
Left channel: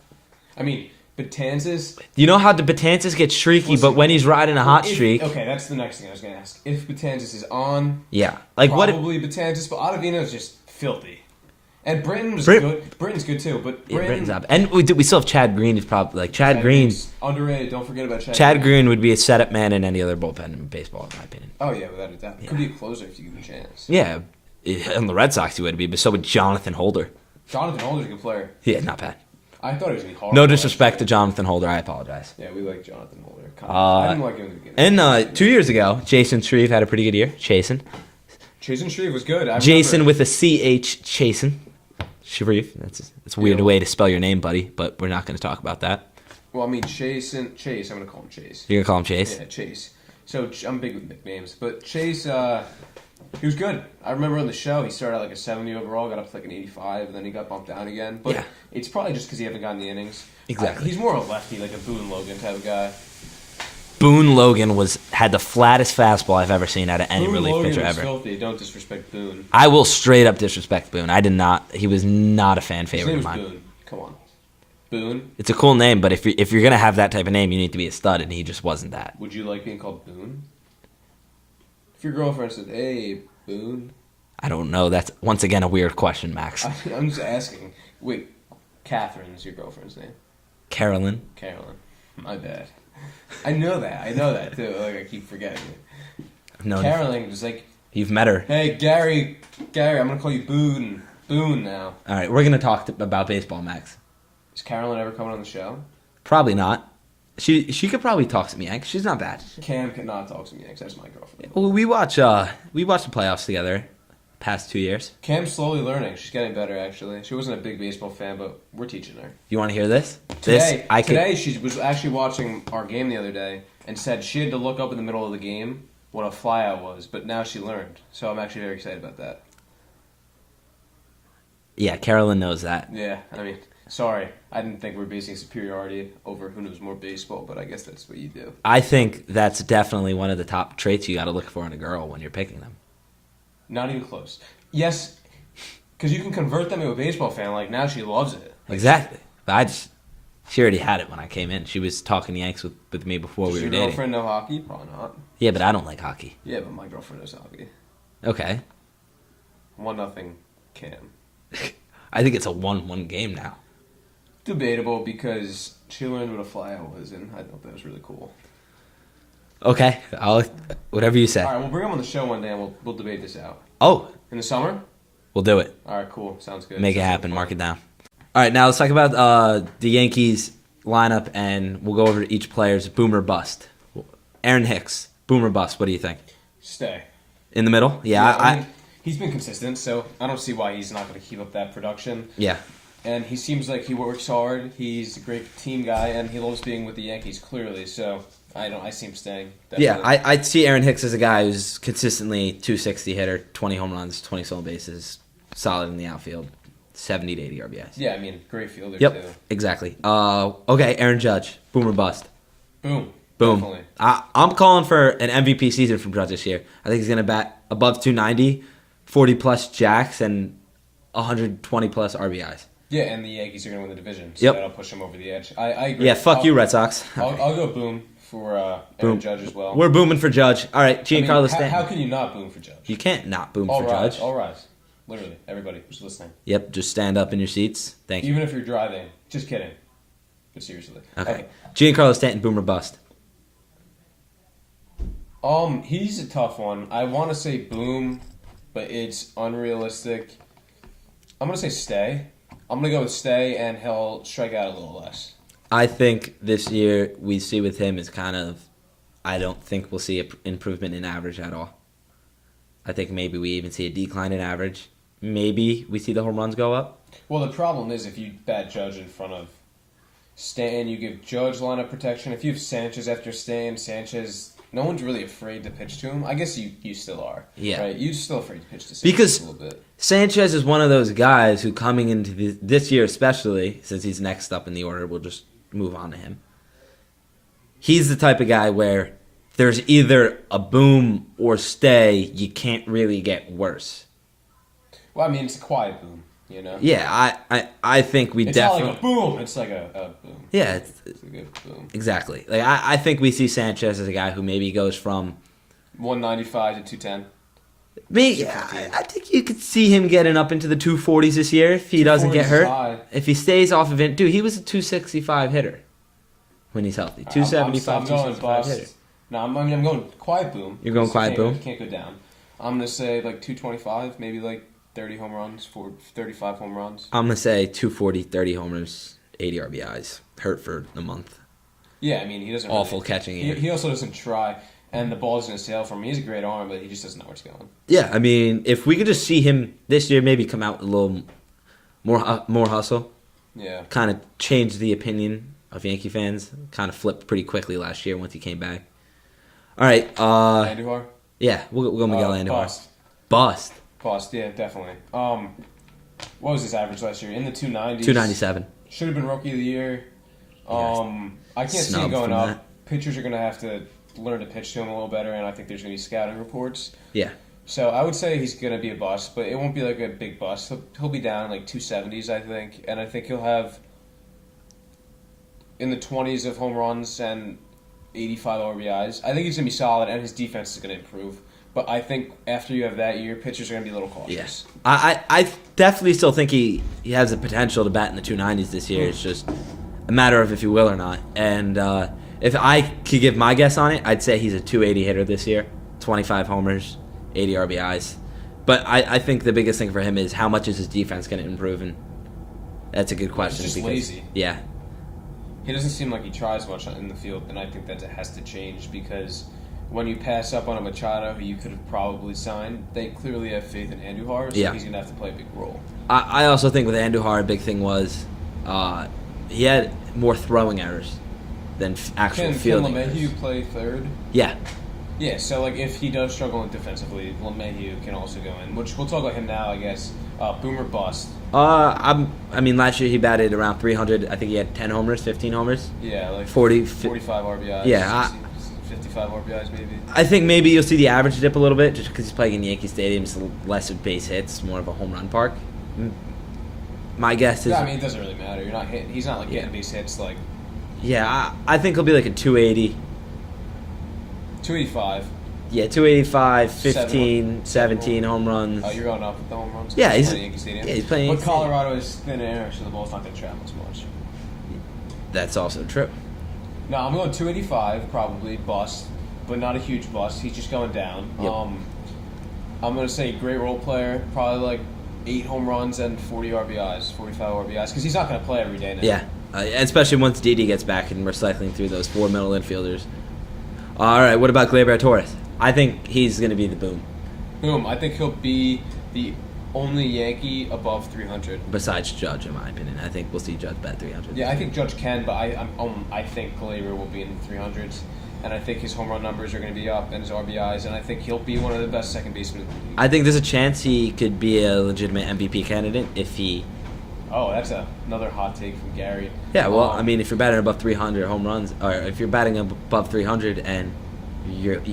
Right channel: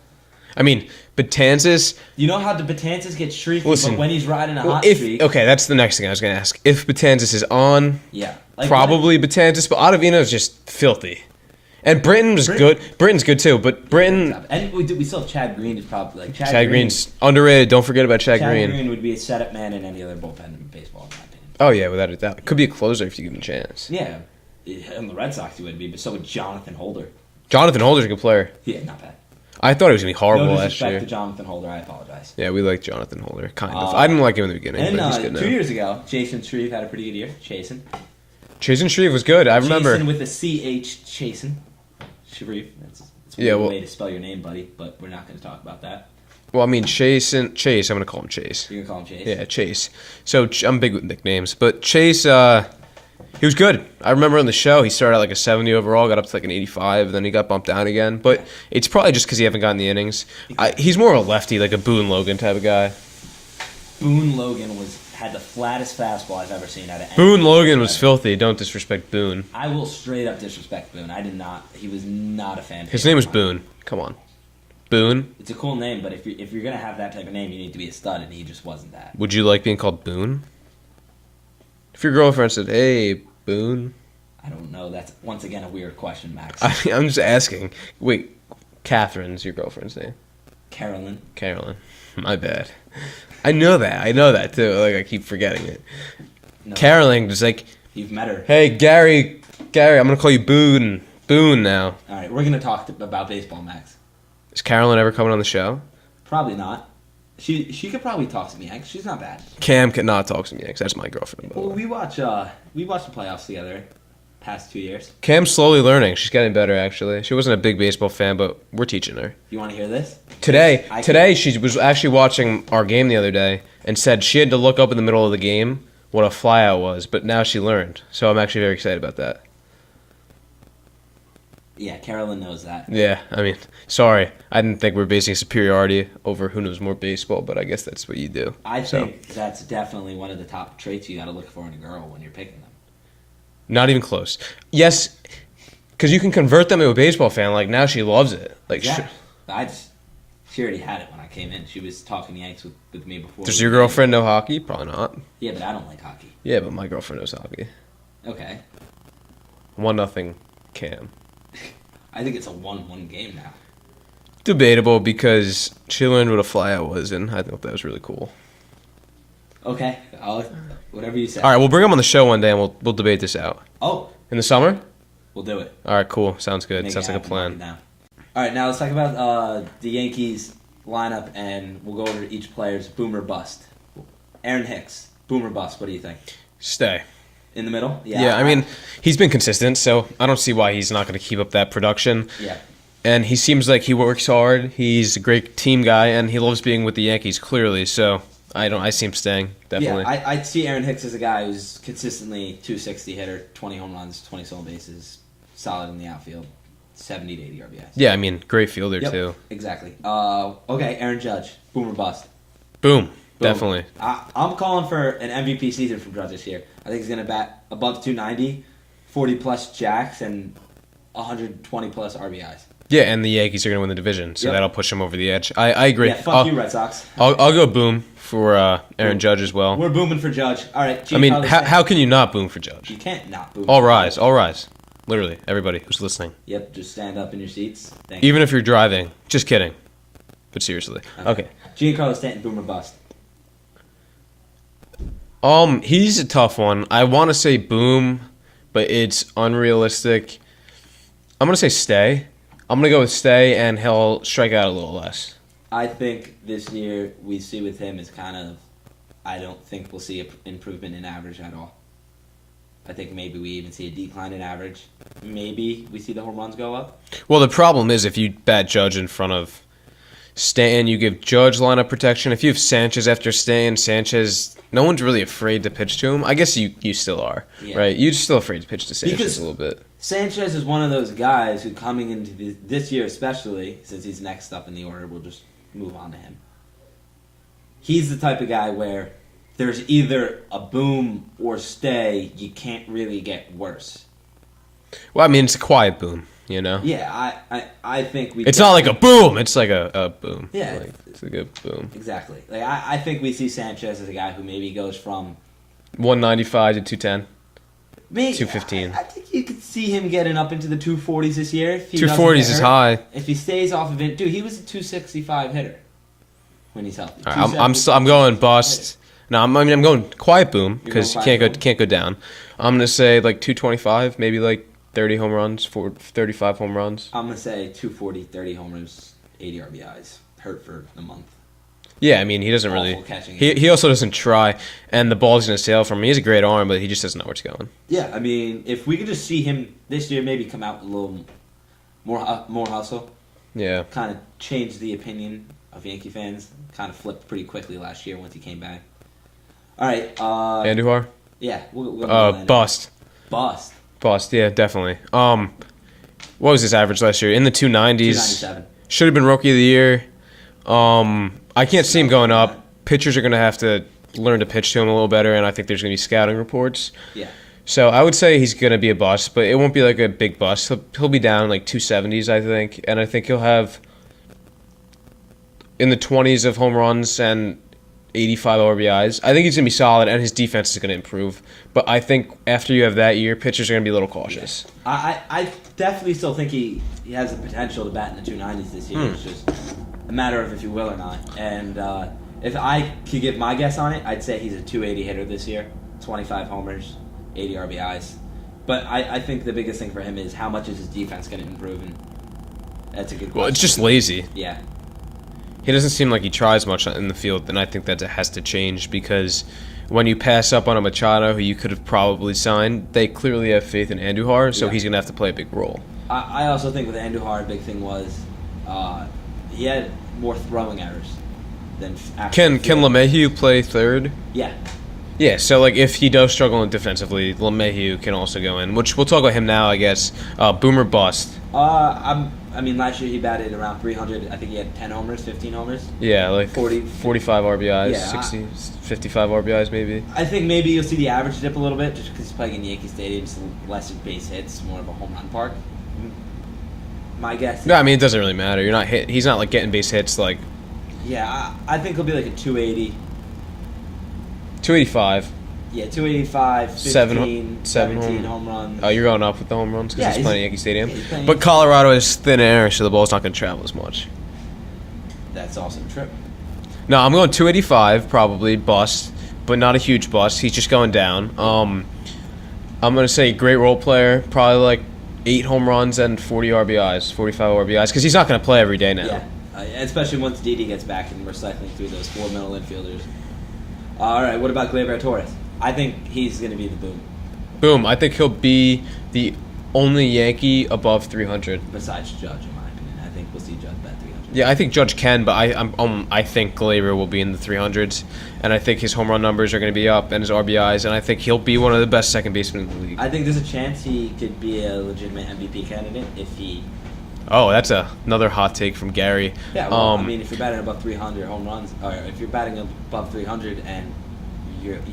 I mean, Betances. You know how the Betances gets streaky, Listen, but when he's riding a hot streak, Okay, that's the next thing I was going to ask. If Betances is on, yeah, like what- probably Betances, but Ottavino is just filthy. And Britton's good. Britton's good too, but Britton's Britton. up. And we still have Chad Green. Who's probably like Chad Green's underrated. Don't forget about Chad Chad Green. Green would be a setup man in any other bullpen in baseball, in my opinion. Oh yeah, without a doubt. Could be a closer if you give him a chance. Yeah, on the Red Sox he would be, but so would Jonathan Holder. Jonathan Holder's a good player. Yeah, not bad. I thought he was gonna be horrible. No last disrespect year. to Jonathan Holder. I apologize. Yeah, we like Jonathan Holder. Kind of. I didn't like him in the beginning. And but he's good 2 now. years ago, Jason Shreve had a pretty good year. Chasen. Jason Shreve was good. I remember. Jason with a CH. Chasen. Shreve. That's a weird way to spell your name, buddy, but we're not going to talk about that. Well, I mean Chase. I'm gonna call him Chase. You're going to call him Chase? Yeah, Chase. So I'm big with nicknames, but Chase, he was good. I remember on the show he started at like a 70 overall, got up to like an 85, then he got bumped down again. But Yeah. it's probably just because he haven't gotten the innings. Exactly. He's more of a lefty, like a Boone Logan type of guy. Boone Logan had the flattest fastball I've ever seen out of any Boone relief Logan pitcher was ever. filthy. Don't disrespect Boone. I will straight up disrespect Boone. I did not. He was not a fan favorite. His name was of mine. Boone. Come on, Boone. It's a cool name, but if you're gonna have that type of name, you need to be a stud, and he just wasn't that. Would you like being called Boone? If your girlfriend said, "Hey, Boone," I don't know. That's once again a weird question, Max. I'm just asking. Wait, Catherine's your girlfriend's name. Carolyn. Carolyn. My bad. I know that too. Like I keep forgetting it. No, Carolyn is like, you've met her. "Hey, Gary, I'm gonna call you Boone now." All right, we're gonna talk about baseball, Max. Is Carolyn ever coming on the show? Probably not. She could probably talk to me. She's not bad. Cam cannot talk to me because that's my girlfriend. Well, we watch the playoffs together. Past 2 years. Cam's slowly learning. She's getting better, actually. She wasn't a big baseball fan, but we're teaching her. You want to hear this? Today, she was actually watching our game the other day and said she had to look up in the middle of the game what a flyout was, but now she learned. So I'm actually very excited about that. Yeah, Carolyn knows that. Yeah, I mean, sorry. I didn't think we were basing superiority over who knows more baseball, but I guess that's what you do. I think that's definitely one of the top traits you got to look for in a girl when you're picking them. Not even close. Yes, because you can convert them to a baseball fan. Like, now she loves it. Like, Exactly. She already had it when I came in. She was talking Yanks with me before. Does we your were dating. girlfriend know hockey? Probably not. Yeah, but I don't like hockey. Yeah, but my girlfriend knows hockey. Okay. 1-0 Cam. I think it's a 1-1 game now. Debatable because she learned what a flyout was, and I thought that was really cool. Okay. Whatever you say. All right, we'll bring him on the show one day, and we'll debate this out. Oh, In the summer? we'll do it. All right, cool. Sounds good. Make it Sounds like a happen. plan. Mark it down. All right, now let's talk about the Yankees lineup, and we'll go over each player's boom or bust. Aaron Hicks, boom or bust. What do you think? Stay. In the middle? Yeah, I mean, he's been consistent, so I don't see why he's not going to keep up that production. Yeah. And he seems like he works hard. He's a great team guy, and he loves being with the Yankees, clearly. So I see him staying, definitely. Yeah, I see Aaron Hicks as a guy who's consistently 260 hitter, 20 home runs, 20 stolen bases, solid in the outfield. 70 to 80 RBIs. Yeah, I mean, great fielder Yep, too. exactly. Okay, Aaron Judge, boom or bust. Boom. Boom. Definitely. I'm calling for an MVP season from Judge this year. I think he's going to bat above 290, 40-plus jacks, and 120-plus RBIs. Yeah, and the Yankees are going to win the division, so Yep. that'll push him over the edge. I agree. Yeah, fuck you, Red Sox. I'll go boom for Aaron Boom. Judge as well. We're booming for Judge. All right, I mean, Giancarlo Stanton. how can you not boom for Judge? You can't not boom All for rise, Judge. all rise. Literally, everybody who's listening. Yep, just stand up in your seats. Thank you. Even if you're driving. Just kidding. But seriously. Okay. Giancarlo Stanton, boom or bust. He's a tough one. I want to say boom, but it's unrealistic. I'm going to say stay. I'm going to go with stay, and he'll strike out a little less. I think this year we see with him is kind of, I don't think we'll see an improvement in average at all. I think maybe we even see a decline in average. Maybe we see the home runs go up. Well, the problem is if you bat Judge in front of Stanton, you give Judge lineup protection. If you have Sanchez after Stanton, Sanchez, no one's really afraid to pitch to him. I guess you still are, Yeah. right? You're still afraid to pitch to Sanchez Because a little bit. Sanchez is one of those guys who coming into this year especially, since he's next up in the order, we'll just move on to him. He's the type of guy where there's either a boom or stay. You can't really get worse. Well, I mean, it's a quiet boom, you know? Yeah, I think we. It's not like a boom. It's like a boom. Yeah, Like, it's like a boom. exactly. Like I think we see Sanchez as a guy who maybe goes from 195 to 210. maybe 215. I think you could see him getting up into the 240s this year if he doesn't 240s get is hurt. high. If he stays off of it, dude, he was a 265 hitter when he's healthy. All right, I'm 275 going hitter. bust. No, I'm going quiet boom You're going because you quiet can't go down. I'm gonna say like 225, maybe like 30 home runs, 35 home runs. I'm gonna say 240, 30 homers, 80 RBIs. Hurt for a month. Yeah, I mean he doesn't Awful really. catching. He also doesn't try, and the ball's gonna sail from him. He has a great arm, but he just doesn't know where it's going. Yeah, I mean, if we could just see him this year, maybe come out a little more hustle, Yeah. kind of change the opinion of Yankee fans. Kind of flipped pretty quickly last year once he came back. All right, Andujar. yeah, we're gonna go Bust. Bust. Bust. Yeah, definitely. What was his average last year? In the 290s. 297. Should have been rookie of the year. I can't see him Snub going from up. that. Pitchers are going to have to learn to pitch to him a little better, and I think there's going to be scouting reports. Yeah. So I would say he's going to be a bust, but it won't be like a big bust. He'll be down in like 270s, I think, and I think he'll have in the 20s of home runs and 85 RBIs. I think he's going to be solid, and his defense is going to improve. But I think after you have that year, pitchers are going to be a little cautious. I definitely still think he has the potential to bat in the 290s this year. It's just a matter of if he will or not. And if I could give my guess on it, I'd say he's a 280 hitter this year. 25 homers, 80 RBIs. But I think the biggest thing for him is how much is his defense going to improve? And that's a good question. Well, it's just lazy. Yeah. He doesn't seem like he tries much in the field, and I think that has to change because when you pass up on a Machado, who you could have probably signed, they clearly have faith in Andujar, so Yeah. he's going to have to play a big role. I also think with Andujar, a big thing was he had more throwing errors than actual Can field. LeMahieu play third? Yeah. Yeah, so like if he does struggle defensively, LeMahieu can also go in, which we'll talk about him now, I guess. Boomer bust. I mean, last year he batted around 300. I think he had 10 homers, 15 homers. Yeah, like 45 RBIs, Yeah, 55 RBIs maybe. I think maybe you'll see the average dip a little bit just because he's playing in Yankee Stadium. It's less of base hits, more of a home run park. My guess is... Yeah, I mean, it doesn't really matter. You're not hit. He's not like getting base hits like Yeah, I think he'll be like a 280. 285. Yeah, 285, 15, Seven 17 home- home runs. Oh, you're going up with the home runs? 'Cause Yeah, he's he's- playing Yankee Stadium. yeah, he's playing But Yankee Colorado is thin air, so the ball's not going to travel as much. That's also true. No, I'm going 285 probably bust, but not a huge bust. He's just going down. I'm going to say great role player, probably like 8 home runs and 40 RBIs, 45 RBIs, because he's not going to play every day now. Yeah, especially once Didi gets back and we're cycling through those 4 middle infielders. All right, what about Gleyber Torres? I think he's going to be the boom, Boom. I think he'll be the only Yankee above 300. besides Judge, in my opinion. I think we'll see Judge bat 300. Yeah, I think Judge can, but I think Gleyber will be in the 300s, and I think his home run numbers are going to be up and his RBIs, and I think he'll be one of the best second basemen in the league. I think there's a chance he could be a legitimate MVP candidate if he Oh, that's another hot take from Gary. Yeah, well, I mean, if you're batting above 300 home runs, or if you're batting above 300 and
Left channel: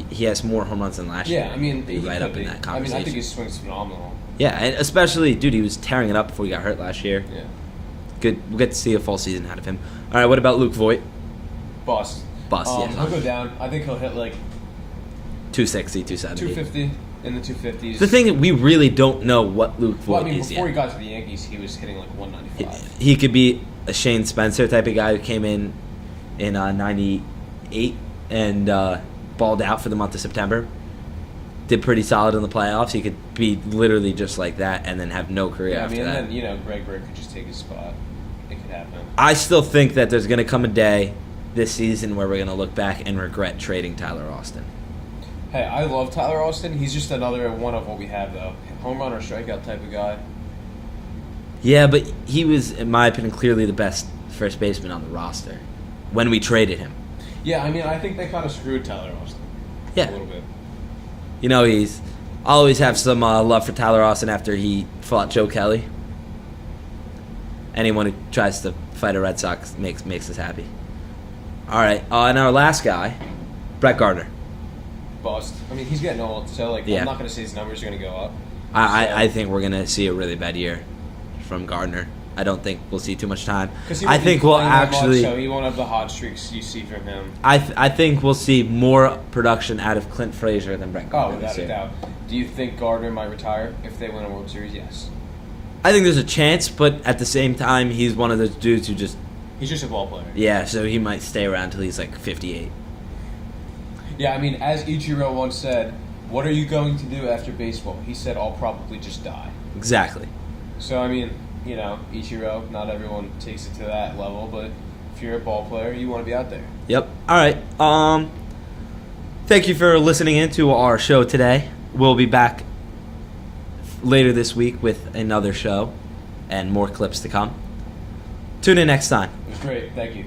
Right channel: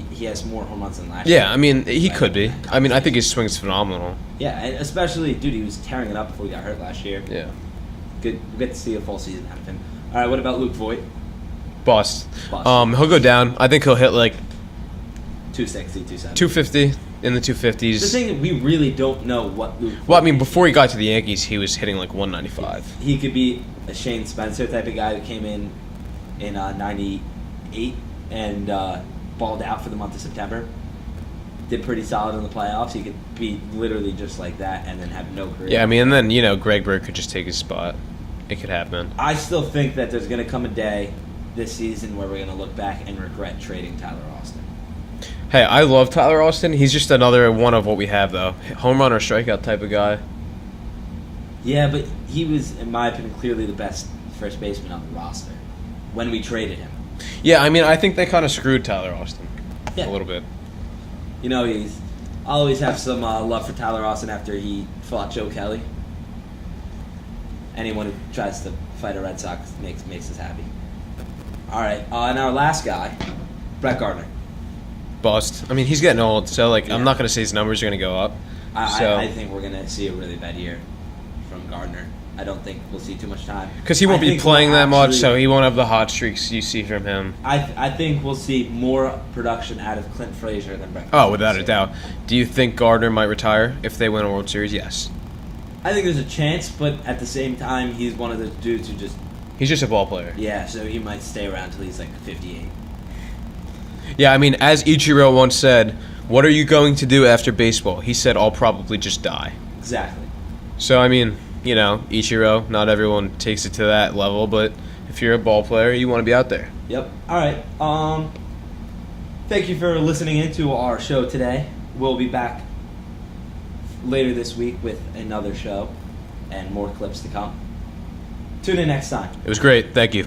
he has more home runs than last year. Yeah, I mean, he right could up be. in that I mean, I think conversation. his swing's phenomenal. Yeah, and especially, dude, he was tearing it up before he got hurt last year. Yeah. Good. We'll get to see a full season out of him. All right, what about Luke Voigt? Bust. Bust, yeah. He'll go down. I think he'll hit like 260, 270. 250 in the 250s. The thing, we really don't know what Luke Voigt Well, I mean, is before yet. he got to the Yankees, he was hitting like 195. He could be a Shane Spencer type of guy who came in 98 and balled out for the month of September. Did pretty solid in the playoffs. He could be literally just like that and then have no career. Yeah, I mean, after and that. then, Greg Bird could just take his spot. It could happen. I still think that there's going to come a day this season where we're going to look back and regret trading Tyler Austin. Hey, I love Tyler Alstyne. He's just another one of what we have, though. Home run or strikeout type of guy. Yeah, but he was, in my opinion, clearly the best first baseman on the roster when we traded him. Yeah, I mean, I think they kind of screwed Tyler Austin Yeah. a little bit. You know, I'll always have some love for Tyler Austin after he fought Joe Kelly. Anyone who tries to fight a Red Sox makes us happy. All right, and our last guy, Brett Gardner. Bust. I mean, he's getting old, so, Yeah. I'm not going to say his numbers are going to go up. I think we're going to see a really bad year from Gardner. I don't think we'll see too much time. Because he I won't be think we'll playing that much, actually- so he won't have the hot streaks you see from him. I think we'll see more production out of Clint Frazier than Brett Gardner. Oh, without this a year. doubt. Do you think Gardner might retire if they win a World Series? Yes. I think there's a chance, but at the same time, he's one of those dudes who just, He's just a ball player. yeah, so he might stay around till he's like 58. Yeah, I mean, as Ichiro once said, what are you going to do after baseball? He said, I'll probably just die. Exactly. So, I mean, Ichiro, not everyone takes it to that level, but if you're a ball player, you want to be out there. Yep. All right. Thank you for listening in to our show today. We'll be back later this week with another show and more clips to come. Tune in next time. It was great. Thank you.